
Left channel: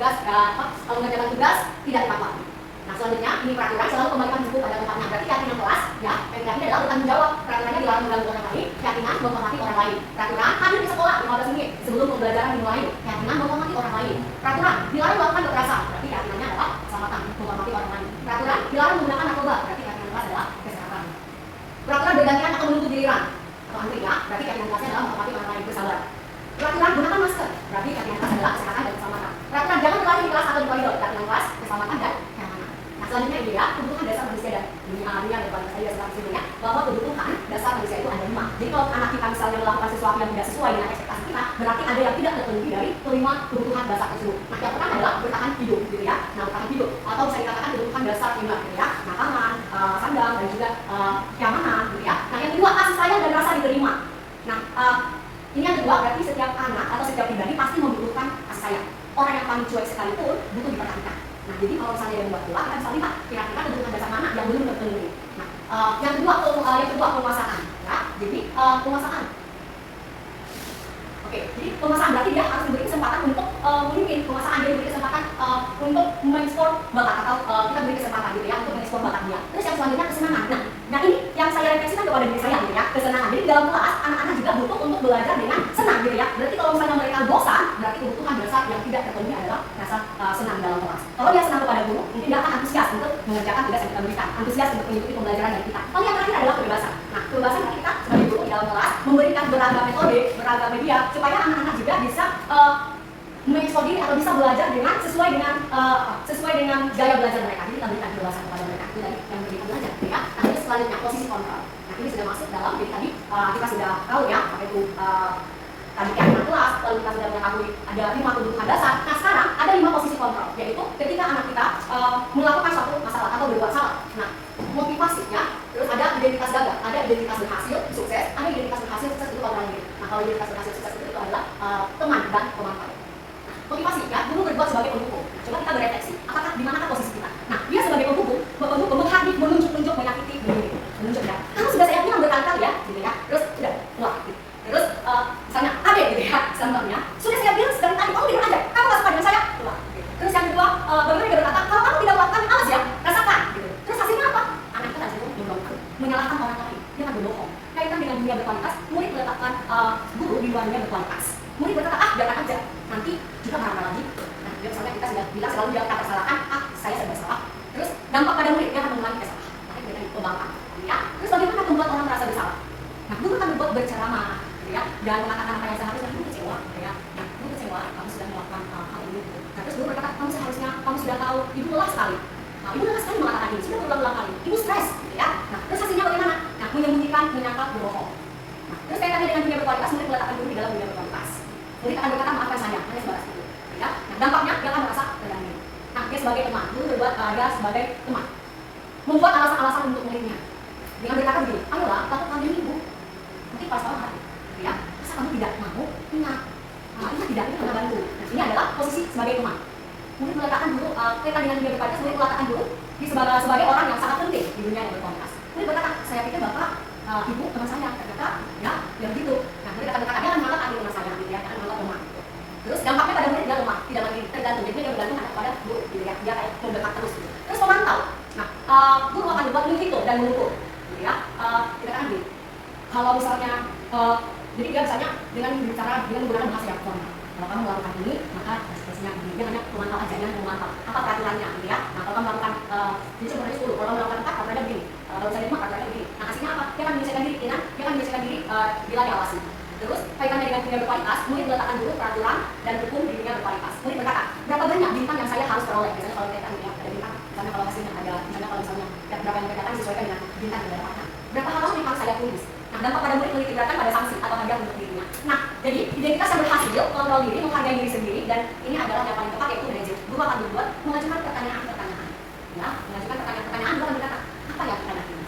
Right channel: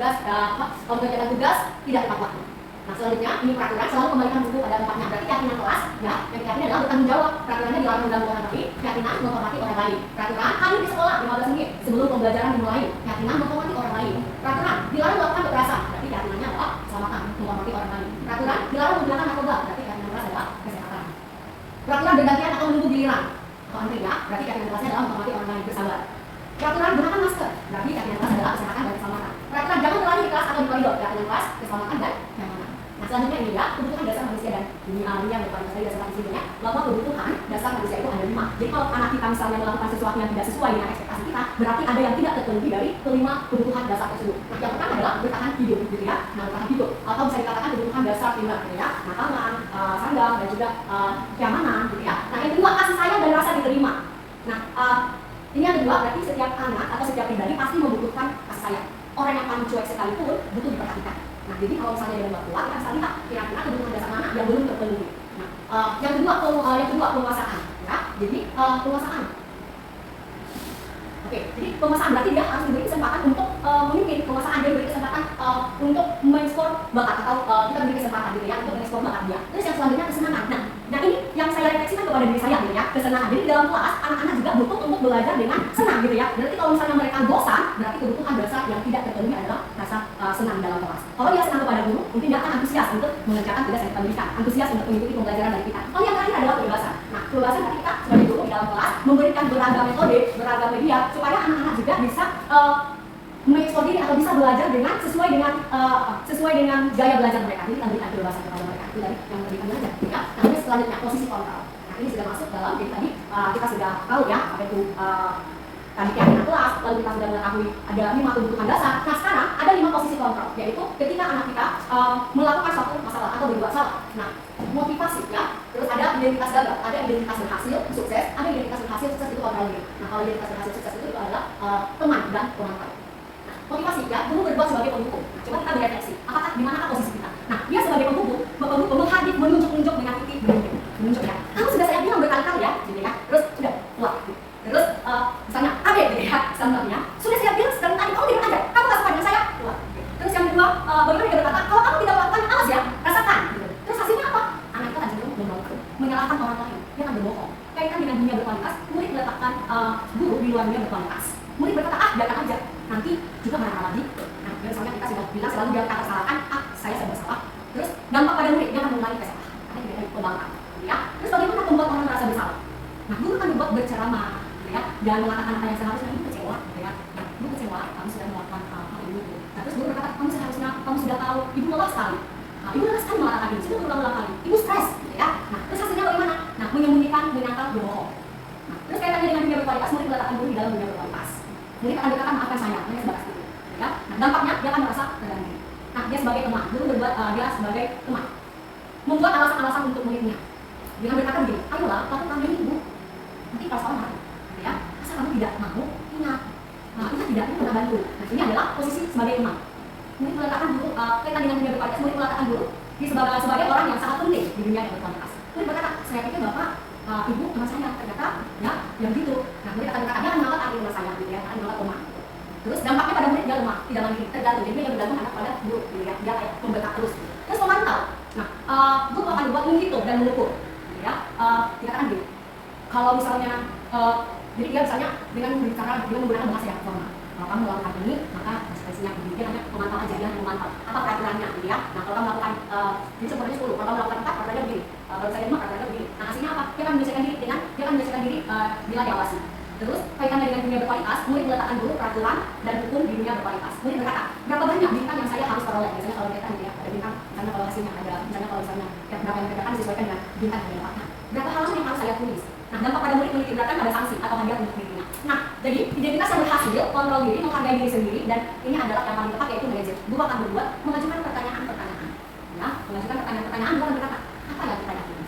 tugas tidak tepat waktu. Nah, selanjutnya ini peraturan selalu kembalikan buku pada tempatnya. Berarti keyakinan kelas, ya, keyakinan adalah bertanggung jawab. Peraturannya dilarang mengganggu orang lain, keyakinan menghormati orang lain. Peraturan hadir di sekolah 15 menit sebelum pembelajaran dimulai, keyakinan menghormati orang lain. Peraturan dilarang melakukan kekerasan, berarti keyakinannya adalah keselamatan, menghormati orang lain. Peraturan dilarang menggunakan narkoba, berarti keyakinan kelas adalah kesehatan. Peraturan bergantian atau menunggu giliran atau antri ya, berarti keyakinan kelasnya adalah menghormati orang lain, bersabar. Peraturan gunakan masker, berarti keyakinan kelas adalah kesehatan dan keselamatan. Peraturan jangan berlari di kelas atau di koridor, keyakinan kelas keselamatan dan kenyamanan. Nah, selanjutnya ini ya, kebutuhan dasar manusia dan dunia yang berpaling saya sudah sebelumnya bahwa kebutuhan dasar manusia itu ada 5. Jadi kalau anak kita misalnya melakukan sesuatu yang tidak sesuai dengan ekspektasi kita, berarti ada yang tidak terpenuhi dari kelima kebutuhan dasar tersebut. Nah, yang pertama adalah bertahan hidup gitu ya. Nah, bertahan hidup atau bisa dikatakan kebutuhan dasar primer gitu ya. Makanan, sandang dan juga kenyamanan gitu ya. Nah, yang kedua kasih sayang dan rasa diterima. Nah, paling cuek sekalipun butuh diperhatikan. Nah, jadi kalau misalnya dari buat pula, kita bisa lihat kira-kira kebutuhan dasar mana yang belum terpenuhi. Nah, yang kedua penguasaan, ya. Jadi penguasaan. Oke, jadi penguasaan berarti dia harus diberi kesempatan untuk memimpin. Penguasaan dia diberi kesempatan untuk mengeksplor bakat atau kita beri kesempatan gitu ya untuk mengeksplor bakat dia. Terus yang selanjutnya kesenangan. Nah ini yang saya refleksikan kepada diri saya gitu ya, kesenangan. Jadi dalam kelas anak-anak juga butuh untuk belajar dengan senang gitu ya. Berarti kalau misalnya mereka bosan, berarti kebutuhan dasar yang tidak terpenuhi adalah rasa senang dalam kelas. Kalau dia senang kepada guru, mungkin dia akan antusias untuk mengerjakan tugas yang kita berikan, antusias untuk mengikuti pembelajaran dari kita. Lalu yang terakhir adalah kebebasan. Nah, kebebasan berarti kita sebagai guru di dalam kelas memberikan beragam metode, beragam media supaya anak-anak juga bisa mengeksplor diri atau bisa belajar dengan sesuai dengan gaya belajar mereka. Jadi kita berikan kebebasan kepada mereka. Itu dari yang berikan belajar, ya. Nah, ini selanjutnya posisi kontrol. Nah, ini sudah masuk dalam. Jadi tadi kita sudah tahu ya apa itu tadi keyakinan kelas, lalu kita sudah mengetahui ada 5 kebutuhan dasar. Nah, sekarang ada 5 posisi kontrol, yaitu ketika anak kita melakukan suatu masalah atau berbuat salah. Nah, motivasi ya. Terus ada identitas gagal, ada identitas berhasil, sukses, ada identitas berhasil, sukses itu kontrol diri. Nah, kalau identitas berhasil, sukses itu adalah teman dan pemantau. Motivasi ya, guru berbuat sebagai pendukung. Nah, coba kita berefleksi, apakah di manakah posisi kita? Nah, dia sebagai pendukung menghadik, menunjuk, menyakiti, menunjuk ya. Kamu sudah saya bilang berkali-kali ya, gitu ya. Terus udah, wah, gitu. Terus misalnya ada gitu ya, contohnya. Sudah saya bilang sekali tadi kamu tidak ada, kamu nggak suka dengan saya, wah. Gitu. Terus yang kedua, bagaimana dia berkata, kalau kamu tidak melakukan, awas ya, rasakan. Gitu. Terus hasilnya apa? Anak itu akan cenderung membongkar, menyalahkan orang lain, dia akan berbohong. Kaitan dengan dunia berkualitas, murid meletakkan guru di luar dunia berkualitas. Murid berkata, biarkan aja, nanti juga marah lagi. Nah, misalnya kita sudah bilang selalu dia kata salahkan, saya bersalah. Terus dampak pada murid, dia akan mengulangi kesalahan. Ada yang dari pembangkang, ya. Terus bagaimana membuat orang merasa bersalah? Nah, guru akan dibuat berceramah, ya, dan mengatakan apa yang seharusnya. Ibu kecewa, ya. Nah, ibu kecewa, kamu sudah melakukan hal ini. Nah, terus guru berkata, kamu sudah tahu, ibu lelah sekali. Nah, ibu lelah sekali mengatakan ini, sudah berulang-ulang kali. Ibu stres, gitu ya. Nah, terus hasilnya bagaimana? Nah, menyembunyikan, menyangkal, berbohong. Nah, terus kaitannya dengan dunia berkualitas, murid meletakkan guru di dalam dunia berkualitas. Murid akan berkata, maafkan saya, hanya sebatas itu. Ya. Nah, dampaknya dia akan merasa terganggu. Nah, dia sebagai teman, guru berbuat dia sebagai teman, membuat alasan-alasan untuk muridnya. Dengan berkata begini, ayolah, lakukan ini ibu. Nanti pas orang hari, ya, masa kamu tidak mau? Ingat, ingat tidak, ini pernah bantu. Nah, ini adalah posisi sebagai teman. Murid meletakkan guru, kaitan dengan dunia berkualitas, murid meletakkan guru sebagai orang yang sangat penting di dunia yang berkualitas. Murid berkata, saya pikir bapak, ibu teman saya, ternyata, ya, yang gitu. Nah, murid akan berkata, dia akan menganggap arti teman saya, gitu ya, akan menganggap teman. Terus dampaknya pada murid dia lemah, tidak mandiri, tergantung. Jadi dia bergantung anak pada guru, gitu ya, dia kayak membekak terus. Gitu. Terus pemantau, nah, guru akan dibuat menghitung dan mengukur, gitu ya. Dikatakan gini, kalau misalnya, jadi dia misalnya dengan berbicara dengan menggunakan bahasa yang formal. Kalau kamu melakukan ini, maka konsekuensinya begini. Dia hanya memantau aja, dia memantau apa peraturannya, gitu ya. Nah, kalau kamu melakukan, ini sebenarnya 10, kalau kamu melakukan 4, peraturannya begini. Kalau misalnya 5, peraturannya begini. Nah, hasilnya apa? Dia akan menyelesaikan diri bila diawasi. Terus kaitannya dengan dunia berkualitas, murid meletakkan dulu peraturan dan hukum di dunia berkualitas. Murid berkata, berapa banyak bintang yang saya harus peroleh? Misalnya kalau kita ya, ada bintang, misalnya kalau hasilnya ada, misalnya kalau misalnya berapa yang dikerjakan disesuaikan dengan bintang yang didapatkan. Berapa halaman yang harus saya tulis? Nah, dampak pada murid menitikberatkan pada sanksi atau hadiah untuk dirinya. Nah, jadi identitas yang berhasil, kontrol diri, menghargai diri sendiri, dan ini adalah yang paling tepat yaitu manajer. Guru akan berbuat mengajukan pertanyaan-pertanyaan. Ya, mengajukan pertanyaan-pertanyaan, bukan berkata, apa yang kita lakukan?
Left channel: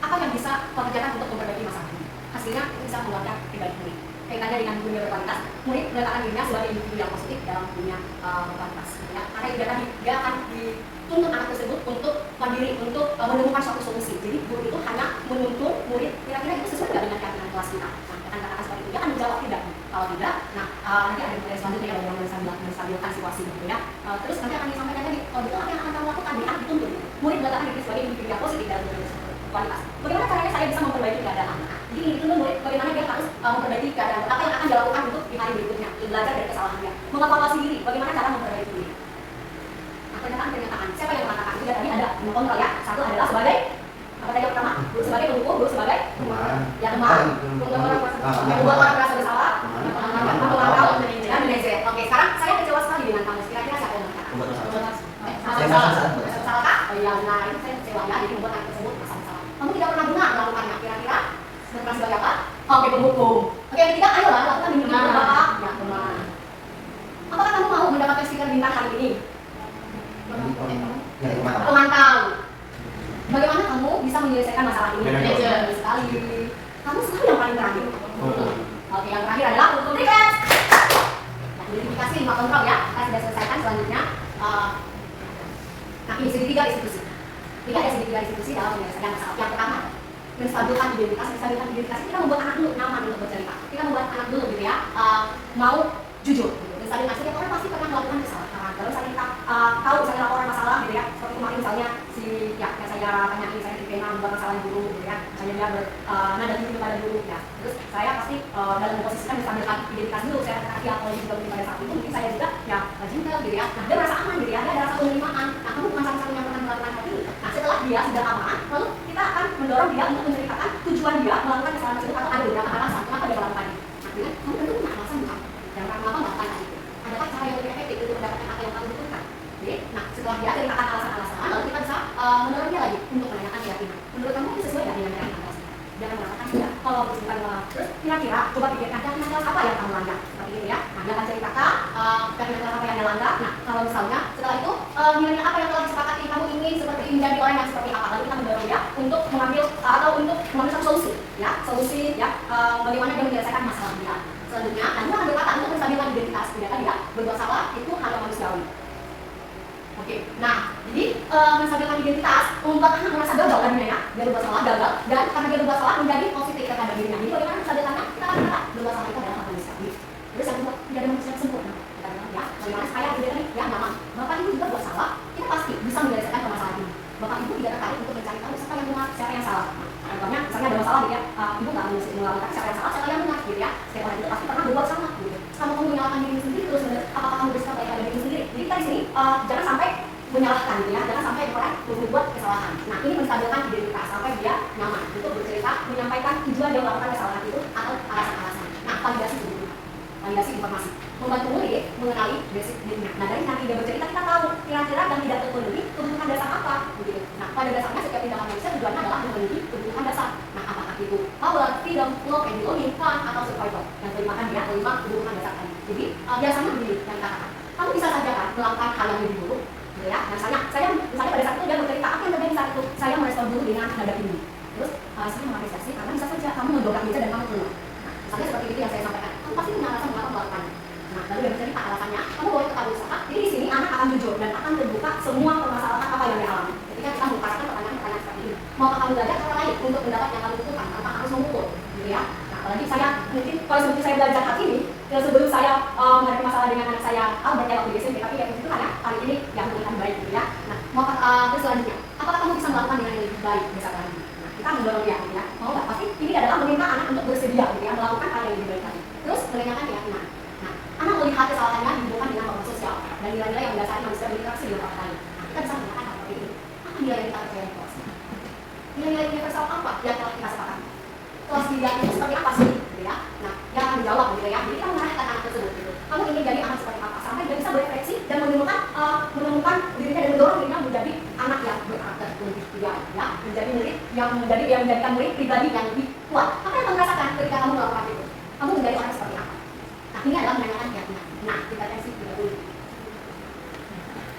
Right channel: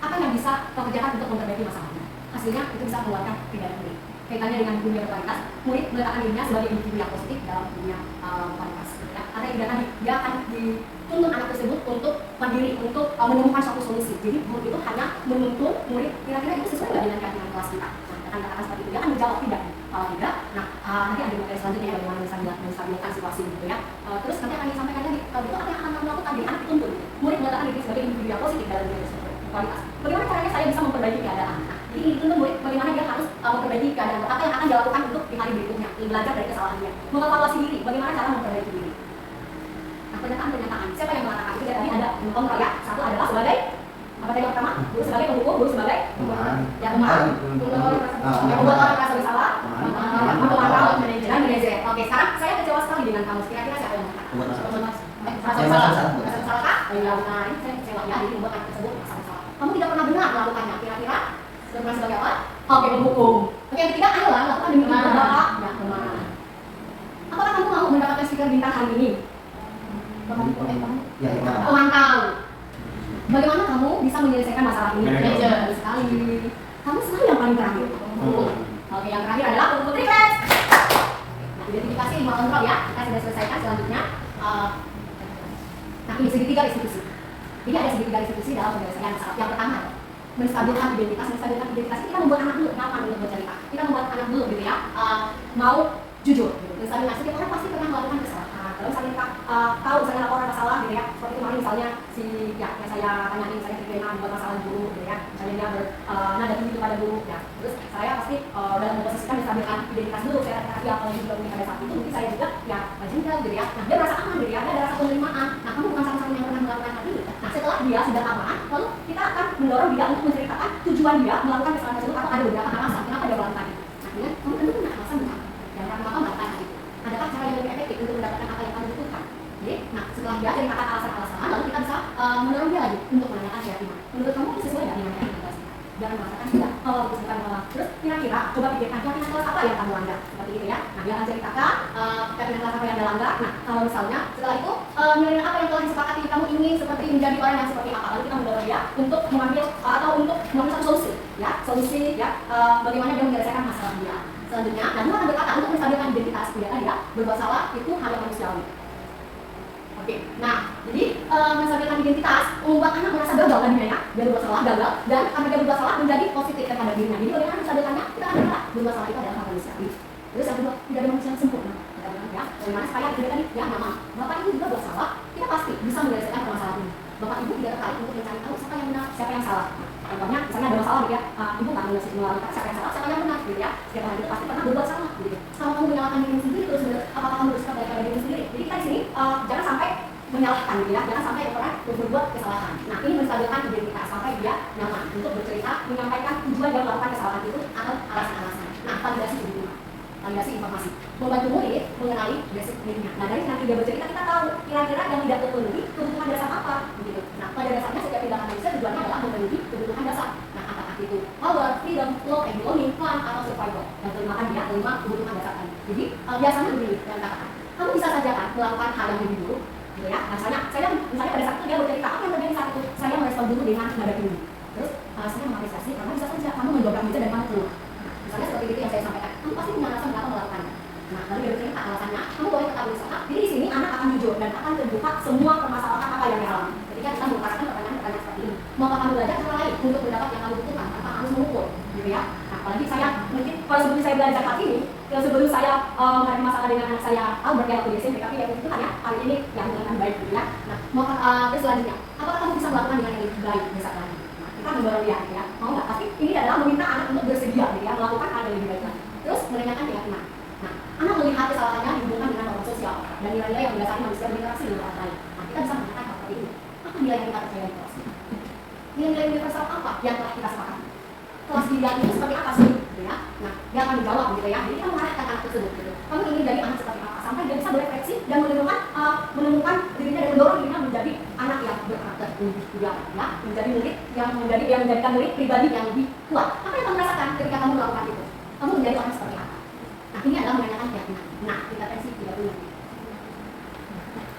Apa yang bisa kita kerjakan untuk memperbaiki masalah ini? Hasilnya itu bisa keluarkan pribadi murid. Kaitannya dengan dunia berkualitas, murid meletakkan dirinya sebagai individu yang positif dalam dunia berkualitas. Ya, karena itu dia akan dituntun anak tersebut untuk mandiri, untuk menemukan suatu solusi. Jadi guru itu hanya menuntun murid kira-kira itu sesuai dengan keyakinan kelas kita. Nah, akan katakan seperti itu, dia akan menjawab tidak. Kalau tidak, nah nanti ada materi selanjutnya yang bagaimana menstabilkan situasi gitu ya. Terus nanti akan disampaikan lagi, kalau betul apa yang akan kamu lakukan, dia akan dituntun. Murid meletakkan diri sebagai individu yang positif dalam dunia berkualitas. Bagaimana caranya saya bisa memperbaiki keadaan? Jadi ini dituntun murid bagaimana dia harus memperbaiki keadaan, apa yang akan dilakukan untuk di hari berikutnya, belajar dari kesalahannya, mengevaluasi diri, bagaimana cara memperbaiki diri. Nah, pernyataan, siapa yang mengatakan itu? Tadi ada kontrol ya. Satu adalah sebagai apa tadi yang pertama? Guru sebagai pendukung, guru sebagai teman. Ya teman. Yang membuat orang merasa bersalah. Pemantau dan manajer. Oke, sekarang saya kecewa sekali dengan kamu. Kira-kira siapa yang mengatakan? Merasa bersalah kah? Oh iya benar, saya kecewa ya. Jadi membuat anak tersebut merasa bersalah. Kamu tidak pernah benar melakukannya. Kira-kira berperan sebagai apa? Oke, pendukung. Oke, yang ketiga, ayolah lakukan demi Bapak. Ya, teman. Apakah kamu mau mendapatkan stiker bintang hari ini? Pemantau. Bagaimana kamu bisa menyelesaikan masalah ini? Manajer sekali. Kamu selalu yang paling terakhir. Oke, yang terakhir adalah pendukung private. Nah, identifikasi 5 kontrol ya, kita sudah selesaikan. Selanjutnya, nah ini segitiga institusi. Jadi ada segitiga institusi dalam penyelesaian masalah. Yang pertama, menstabilkan identitas. Menstabilkan identitas kita membuat anak dulu nyaman untuk bercerita. Kita membuat anak dulu gitu ya, mau jujur. Gitu. Menstabilkan setiap orang pasti pernah melakukan kesalahan. Terus saat kita tahu misalnya laporan masalah gitu ya, seperti kemarin misalnya si ya yang saya tanyain, saya diterima buat masalah guru gitu ya, misalnya dia nada tinggi pada guru ya. Terus saya pasti dalam memposisikan menstabilkan identitas dulu. Saya kasih apa yang juga pada saat itu mungkin saya juga ya jengkel gitu ya. Nah dia merasa aman gitu ya, dia ada rasa penerimaan. Nah kamu bukan satu-satunya yang pernah melakukan hal ini. Nah setelah dia sudah aman, lalu kita akan mendorong dia untuk menceritakan tujuan dia melakukan kesalahan tersebut atau ada beberapa alasan kenapa dia melakukannya. Nah dengan kamu tentu punya alasan bukan dan kenapa melakukan hal itu. Adakah cara yang lebih efektif untuk mendapatkan apa yang kamu butuhkan? Jadi, nah setelah dia ceritakan alasan-alasan, lalu kita bisa mendorong dia lagi untuk menanyakan keyakinan. Menurut kamu ini sesuai dengan yang kita jangan mengatakan tidak. Kalau bukan terus kira-kira coba pikirkan keyakinan kelas apa yang kamu langgar seperti itu ya. Nah dia akan ceritakan keyakinan kelas apa yang dia langgar. Nah kalau misalnya setelah itu nilai apa yang telah disepakati kamu ingin seperti menjadi orang yang seperti apa, lalu kita mendorong dia untuk mengambil atau untuk mengambil satu solusi ya bagaimana dia menyelesaikan masalah dia. Selanjutnya, kamu akan berkata untuk menstabilkan identitas dia dia berbuat salah itu hal yang manusiawi. Oke, nah jadi menstabilkan identitas membuat anak merasa gagal kan ya, dia berbuat salah gagal dan karena dia berbuat salah menjadi positif terhadap dirinya. Jadi bagaimana menstabilkannya? Kita akan berkata berbuat salah itu adalah hal manusiawi. Terus yang kedua, tidak ada manusia yang sempurna. Kita bilang ya, bagaimana supaya dia tadi ya nyaman. Bapak ibu juga buat salah, kita pasti bisa menyelesaikan permasalahan ini. Bapak ibu tidak tertarik untuk mencari tahu siapa yang benar, siapa yang salah. Contohnya, misalnya ada masalah gitu ya, ibu nggak melakukan siapa yang salah, siapa yang benar gitu ya. Setiap orang itu pasti pernah berbuat salah gitu. Kalau kamu menyalahkan diri sendiri terus apakah kamu bersikap baik pada diri sendiri? Jadi kita di sini jangan sampai menyalahkan gitu ya, jangan sampai orang berbuat kesalahan. Nah ini menstabilkan identitas sampai dia nyaman untuk bercerita, menyampaikan tujuan dia melakukan kesalahan itu atau alasan-alasan. Nah validasi juga, validasi informasi, membantu murid mengenali basic dirinya. Nah dari nanti dia bercerita kita tahu kira-kira yang tidak terpenuhi kebutuhan dasar apa begitu. Nah pada dasarnya setiap tindakan manusia tujuannya adalah memenuhi kebutuhan dasar. Nah apakah itu power, freedom, love, and belonging, fun, atau survival? Yang kelima kan dia kelima kebutuhan dasar tadi. Jadi biasanya begini yang katakan, kamu bisa saja kan melakukan hal yang lebih buruk gitu ya. Nah misalnya pada saat itu dia bercerita apa yang terjadi saat itu, saya merespon dulu dengan nada tinggi. Terus saya mengapresiasi karena bisa saja kamu mendobrak meja dan kamu keluar. Misalnya seperti itu yang saya sampaikan, kamu pasti punya alasan mengapa melakukannya. Nah lalu dia bercerita alasannya, kamu boleh ketahui usaha. Jadi di sini anak akan jujur dan akan terbuka semua permasalahan apa yang dia alami. Ketika kita melepaskan pertanyaan-pertanyaan seperti ini, maukah kamu belajar cara lain untuk mendapat yang kamu butuhkan tanpa harus mengukur, gitu ya. Nah apalagi saya mungkin kalau seperti saya belajar hari ini, sebelum saya menghadapi masalah dengan anak saya Albert ya waktu di SMP, tapi ya itu hanya hari ini yang lebih baik gitu ya. Nah maukah terus selanjutnya, apakah kamu bisa melakukan dengan yang lebih baik besok lagi? Nah, kita mendorong dia gitu ya, mau nggak? Tapi ini adalah meminta anak untuk bersedia gitu ya, melakukan hal yang lebih baik lagi. Terus menanyakan keyakinan. Nah, anak melihat kesalahannya dihubungkan dengan norma sosial dan nilai-nilai yang mendasari manusia berinteraksi dengan orang lain. Nah, kita bisa mengatakan hal seperti ini. Apa nilai yang kita percaya di kelas? Nilai-nilai universal apa yang telah kita sepakati? Kelas dia itu seperti apa sih? Gitu ya. Nah, dia akan menjawab gitu ya. Jadi kita mengarahkan anak tersebut gitu. Kamu ingin jadi anak seperti apa? Sampai dia bisa berefleksi dan menemukan dirinya dan mendorong dirinya menjadi anak yang berkarakter lebih kuat, ya, menjadi murid yang menjadikan murid pribadi yang lebih kuat. Apa yang kamu rasakan ketika kamu melakukan itu? Kamu menjadi orang seperti apa? Nah, ini adalah menanyakan keyakinan. Nah, kita tensi 30.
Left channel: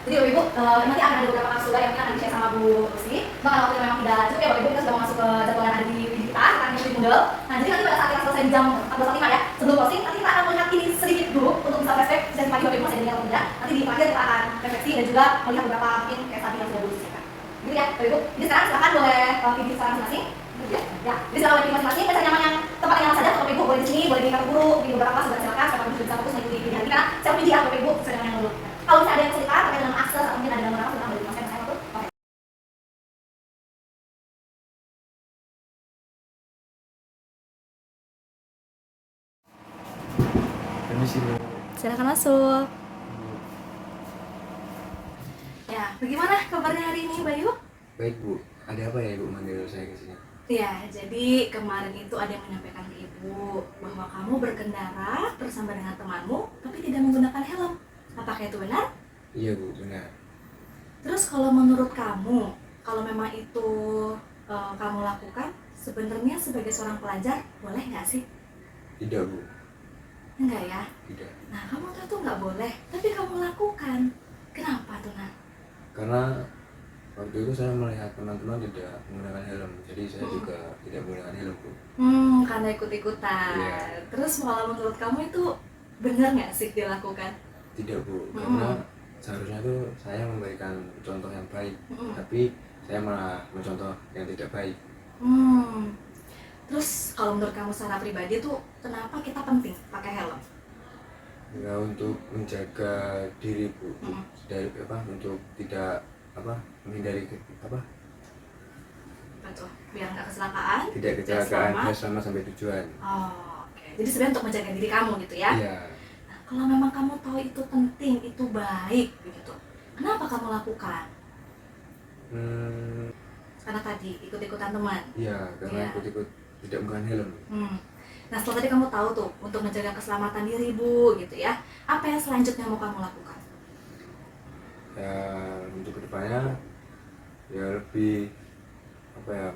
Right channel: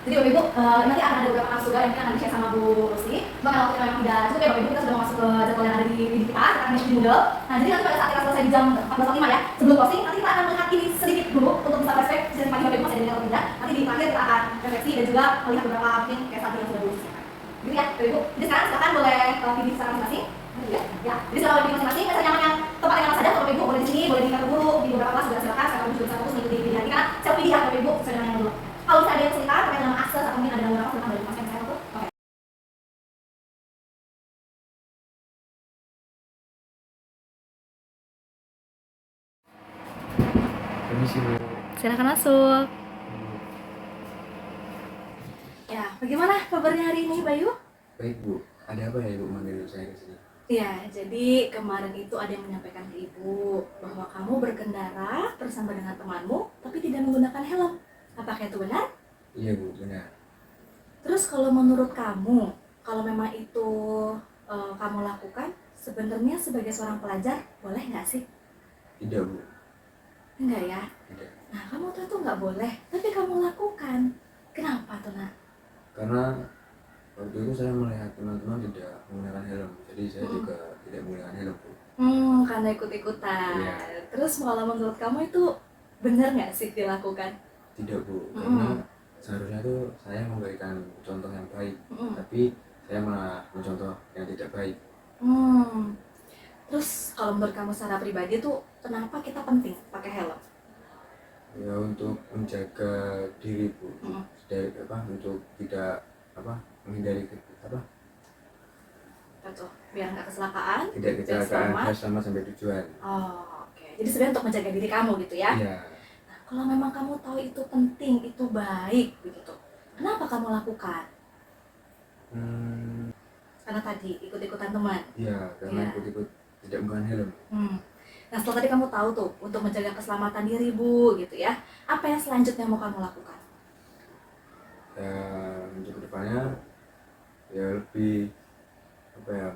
Jadi Bapak Ibu, nanti akan ada beberapa kasus yang akan di-share sama Bu Rusi. Maka waktu memang tidak cukup ya Bapak Ibu, kita sudah mau masuk ke jadwal yang ada di kita, sekarang di Moodle. Nah, jadi nanti pada saat kita selesai di jam 14.45 ya, sebelum closing, nanti kita akan melihat ini sedikit dulu untuk bisa flashback sesi pagi Bapak Ibu masih ada atau tidak. Nanti di terakhir kita akan refleksi dan juga melihat beberapa mungkin case study yang sudah Bu Rusi share. Gitu ya Bapak Ibu. Jadi sekarang silakan boleh pilih secara masing-masing. Ya, jadi sekarang pilih masing-masing, bisa nyaman yang tempat yang nyaman saja. Bapak Ibu boleh di sini, boleh di kantor guru, di beberapa kelas juga silakan. Siapa bisa fokus mengikuti pilihan kita. Saya pilih ya Bapak Ibu sesuai dengan yang dulu. Kalau misalnya ada yang kesulitan terkait dengan akses atau mungkin ada yang apa, silakan boleh dimasukkan ke saya waktu. Oke. Permisi Bu. Silakan masuk. Ya, bagaimana kabarnya hari ini, Bayu? Baik Bu, ada apa ya Ibu manggil saya ke sini? Ya, jadi kemarin itu ada yang menyampaikan ke Ibu bahwa kamu berkendara bersama dengan temanmu tapi tidak menggunakan helm. Apakah itu benar? Iya Bu, benar. Terus kalau menurut kamu, kalau memang itu kamu lakukan, sebenarnya sebagai seorang pelajar boleh nggak sih? Tidak Bu, Enggak ya? tidak. Nah, kamu tahu itu nggak boleh, tapi kamu lakukan. Kenapa tuh, Nah? Karena waktu itu saya melihat teman-teman tidak menggunakan helm, jadi saya juga tidak menggunakan helm Bu. Karena ikut-ikutan. Iya. Terus kalau menurut kamu itu Bener nggak sih dilakukan? Tidak Bu, karena seharusnya tuh saya memberikan contoh yang baik, tapi saya malah mencontoh yang tidak baik. Terus kalau menurut kamu secara pribadi tuh kenapa kita penting pakai helm? Ya untuk menjaga diri Bu, dari untuk tidak menghindari Betul, biar nggak kecelakaan. tidak kecelakaan selamat. dan selamat sampai tujuan. Oh, oke. Jadi sebenarnya untuk menjaga diri kamu gitu ya? Iya. Nah, kalau memang kamu tahu itu penting, itu baik begitu, kenapa kamu lakukan? Karena tadi ikut-ikutan teman. Iya, karena Iya. ikut-ikut tidak menggunakan helm. Nah setelah tadi kamu tahu tuh untuk menjaga keselamatan diri Bu gitu ya, apa yang selanjutnya mau kamu lakukan? Ya untuk kedepannya ya lebih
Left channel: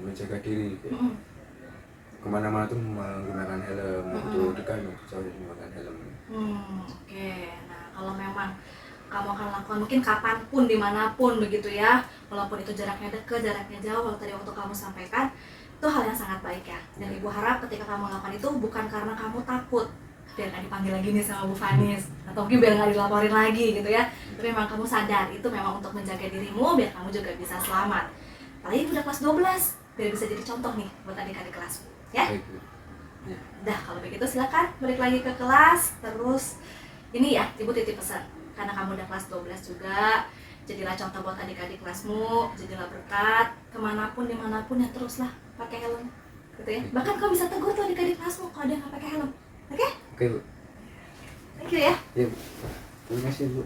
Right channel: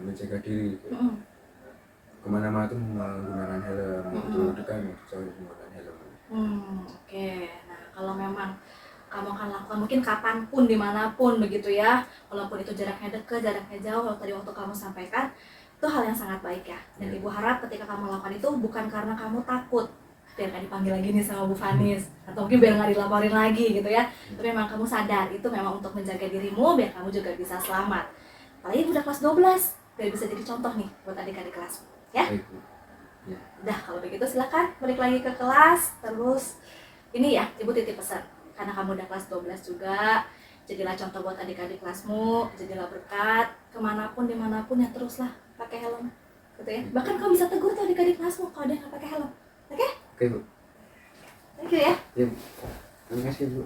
menjaga diri. Kemana-mana tuh menggunakan helm, untuk dekat jauh menggunakan helm. Oke. Nah kalau memang kamu akan lakukan mungkin kapanpun dimanapun begitu ya, walaupun itu jaraknya dekat jaraknya jauh, kalau tadi waktu kamu sampaikan itu hal yang sangat baik ya. Dan Ibu harap ketika kamu lakukan itu bukan karena kamu takut biar nggak dipanggil lagi nih sama Bu Fanis, atau mungkin biar nggak dilaporin lagi gitu ya, tapi memang kamu sadar itu memang untuk menjaga dirimu biar kamu juga bisa selamat. Apalagi udah kelas 12 biar bisa jadi contoh nih buat adik-adik kelasmu ya. Baik Bu. Ya. Udah kalau begitu silakan balik lagi ke kelas. Terus ini ya Ibu titip pesan, karena kamu udah kelas 12 juga, jadilah contoh buat adik-adik kelasmu, jadilah berkat kemanapun dimanapun ya, teruslah pakai helm gitu ya. Bahkan kau bisa tegur tuh adik-adik kelasmu kalau dia nggak pakai helm. Oke? Oke Bu. Thank you ya. Ya Bu. Terima kasih Bu.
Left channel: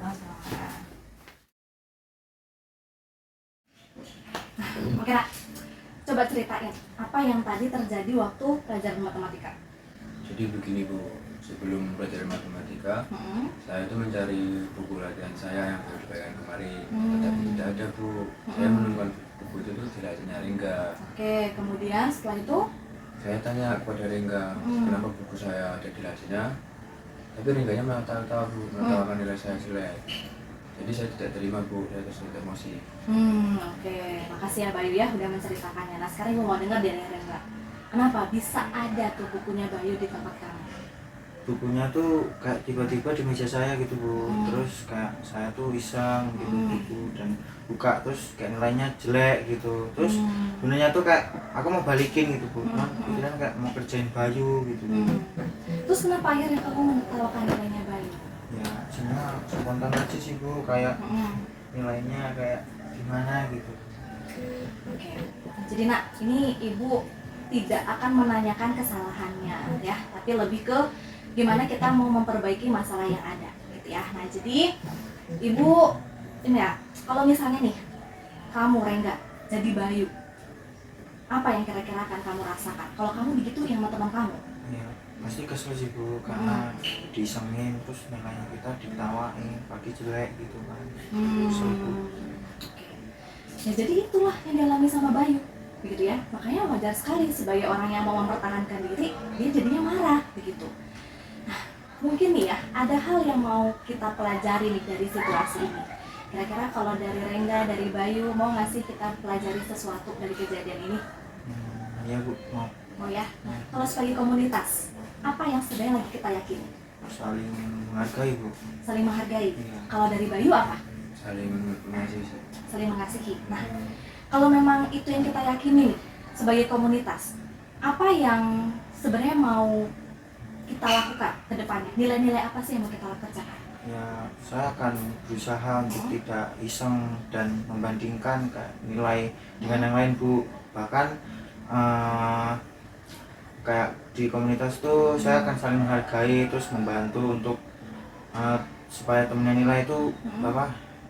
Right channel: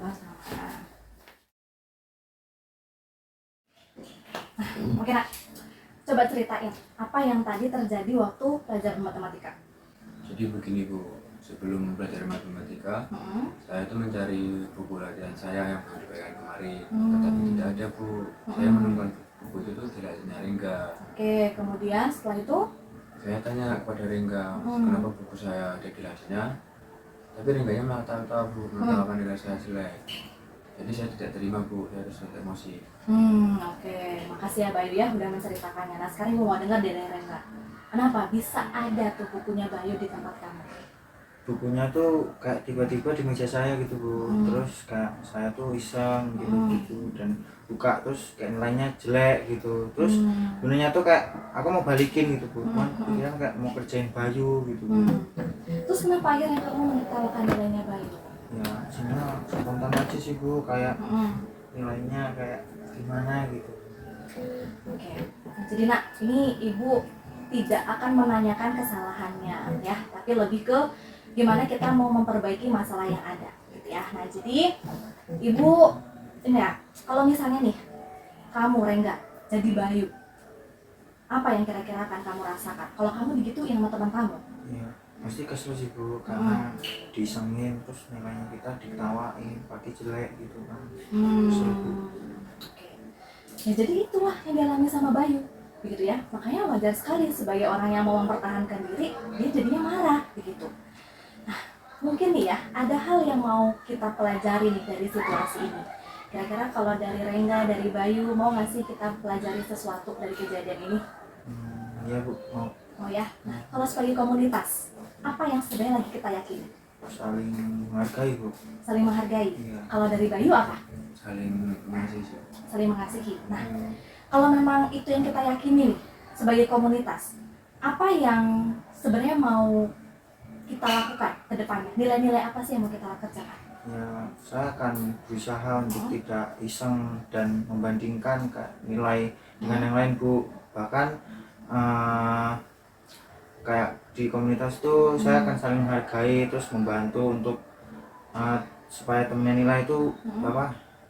Nah, oke nak, coba ceritain apa yang tadi terjadi waktu pelajaran matematika. Jadi begini Bu, sebelum belajar matematika, saya itu mencari buku latihan saya yang baru dipegang kemarin, tetapi tidak ada Bu. Saya menemukan buku itu tuh tidak ada Rengga. Oke, kemudian setelah itu Saya tanya kepada Rengga, kenapa buku saya ada di lacinya, tapi Rengganya malah tahu Bu, mengatakan nilai saya jelek. Jadi saya tidak terima Bu, saya terus emosi. Oke, makasih ya Bayu ya udah menceritakannya. Nah sekarang gue mau dengar dari Rengga, kenapa bisa ada tuh bukunya Bayu di tempat kamu? Bukunya tuh kayak tiba-tiba di meja saya gitu Bu, terus kayak saya tuh iseng gitu buku dan buka, terus kayak nilainya jelek gitu, terus sebenarnya tuh kayak aku mau balikin gitu Bu, cuman pikiran kayak mau kerjain Bayu gitu Bu. Terus kenapa akhirnya kamu menertawakan nilainya Bayu? Ya cuma spontan aja sih Bu, kayak nilainya kayak gimana gitu. Oke, jadi nak, ini ibu tidak akan menanyakan kesalahannya ya, tapi lebih ke gimana kita mau memperbaiki masalah yang ada gitu ya. Nah jadi ibu ini ya, kalau misalnya nih kamu Rengga jadi Bayu, apa yang kira-kira akan kamu rasakan kalau kamu digituin sama teman kamu? Ya pasti kesel sih Bu, karena disengin terus nilainya kita ditawain pakai jelek gitu kan. Kesel Bu. Oke. Ya jadi itulah yang dialami sama Bayu begitu ya. Makanya wajar sekali sebagai orang yang mau mempertahankan diri, dia jadinya marah begitu. Nah, mungkin nih ya, ada hal yang mau kita pelajari nih dari situasi ini. Kira-kira kalau dari Rengga, dari Bayu, mau nggak sih kita pelajari sesuatu dari kejadian ini? Iya Bu, mau. Mau ya? Nah, kalau sebagai komunitas, apa yang sebenarnya lagi kita yakini? Saling menghargai Bu. Saling menghargai. Iya. Kalau dari Bayu apa? Saling mengasihi. Saling mengasihi. Nah, kalau memang itu yang kita yakini nih, sebagai komunitas, apa yang sebenarnya mau kita lakukan ke depannya? Nilai-nilai apa sih yang mau kita kerjakan? Ya, saya akan berusaha untuk tidak iseng dan membandingkan nilai dengan yang lain Bu. Bahkan kayak di komunitas tuh saya akan saling menghargai, terus membantu untuk supaya temennya nilai itu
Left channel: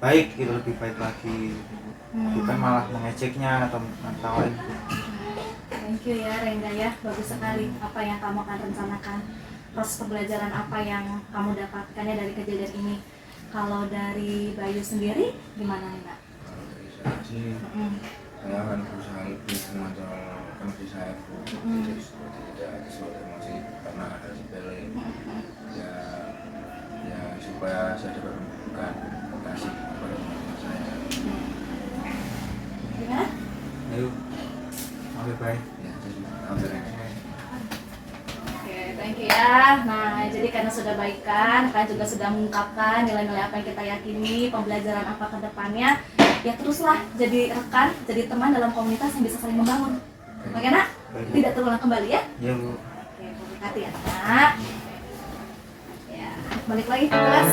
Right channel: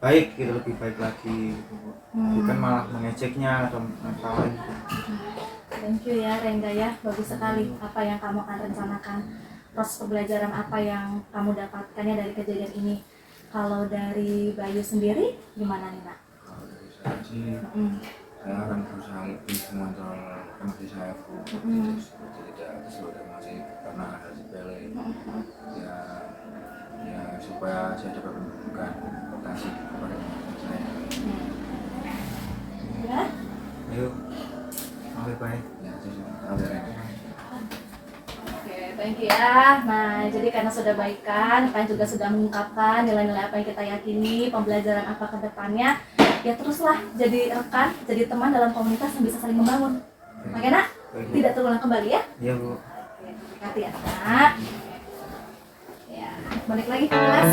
baik gitu, lebih baik lagi gitu Bu. Bukan malah mengejeknya atau mengetawain Bu. Thank you ya Rengga ya, bagus sekali apa yang kamu akan rencanakan, proses pembelajaran apa yang kamu dapatkannya dari kejadian ini. Kalau dari Bayu sendiri gimana nih nak? Kalau dari saya sih, saya akan berusaha lebih mengontrol emosi saya Bu. Jadi seperti tidak kesulitan emosi karena hal sepele. Ya supaya saya dapat memberikan kasih kepada teman-teman saya. Gimana? Ayo, bye-bye. Ya, saya sudah tahu ya. Oke, thank you ya. Nah, jadi Jadi karena sudah baikan, kalian juga sudah mengungkapkan nilai-nilai apa yang kita yakini, pembelajaran apa ke depannya, ya teruslah jadi rekan, jadi teman dalam komunitas yang bisa saling membangun. Oke nak? Tidak terulang kembali ya? Iya Bu. Oke, hati-hati ya nak. Ya, balik lagi ke kelas.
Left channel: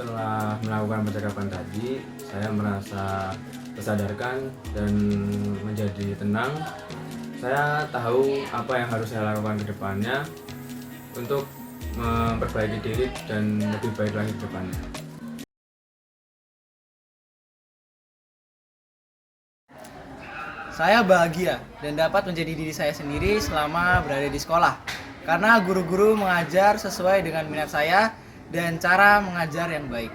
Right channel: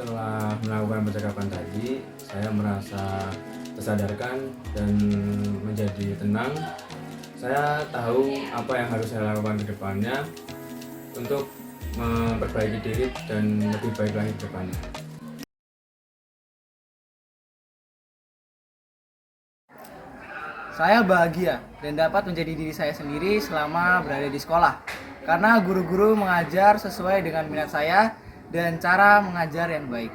Setelah melakukan percakapan tadi, saya merasa tersadarkan dan menjadi tenang. Saya tahu apa yang harus saya lakukan ke depannya untuk memperbaiki diri dan lebih baik lagi ke depannya. Saya bahagia dan dapat menjadi diri saya sendiri selama berada di sekolah. Karena guru-guru mengajar sesuai dengan minat saya dan cara mengajar yang baik.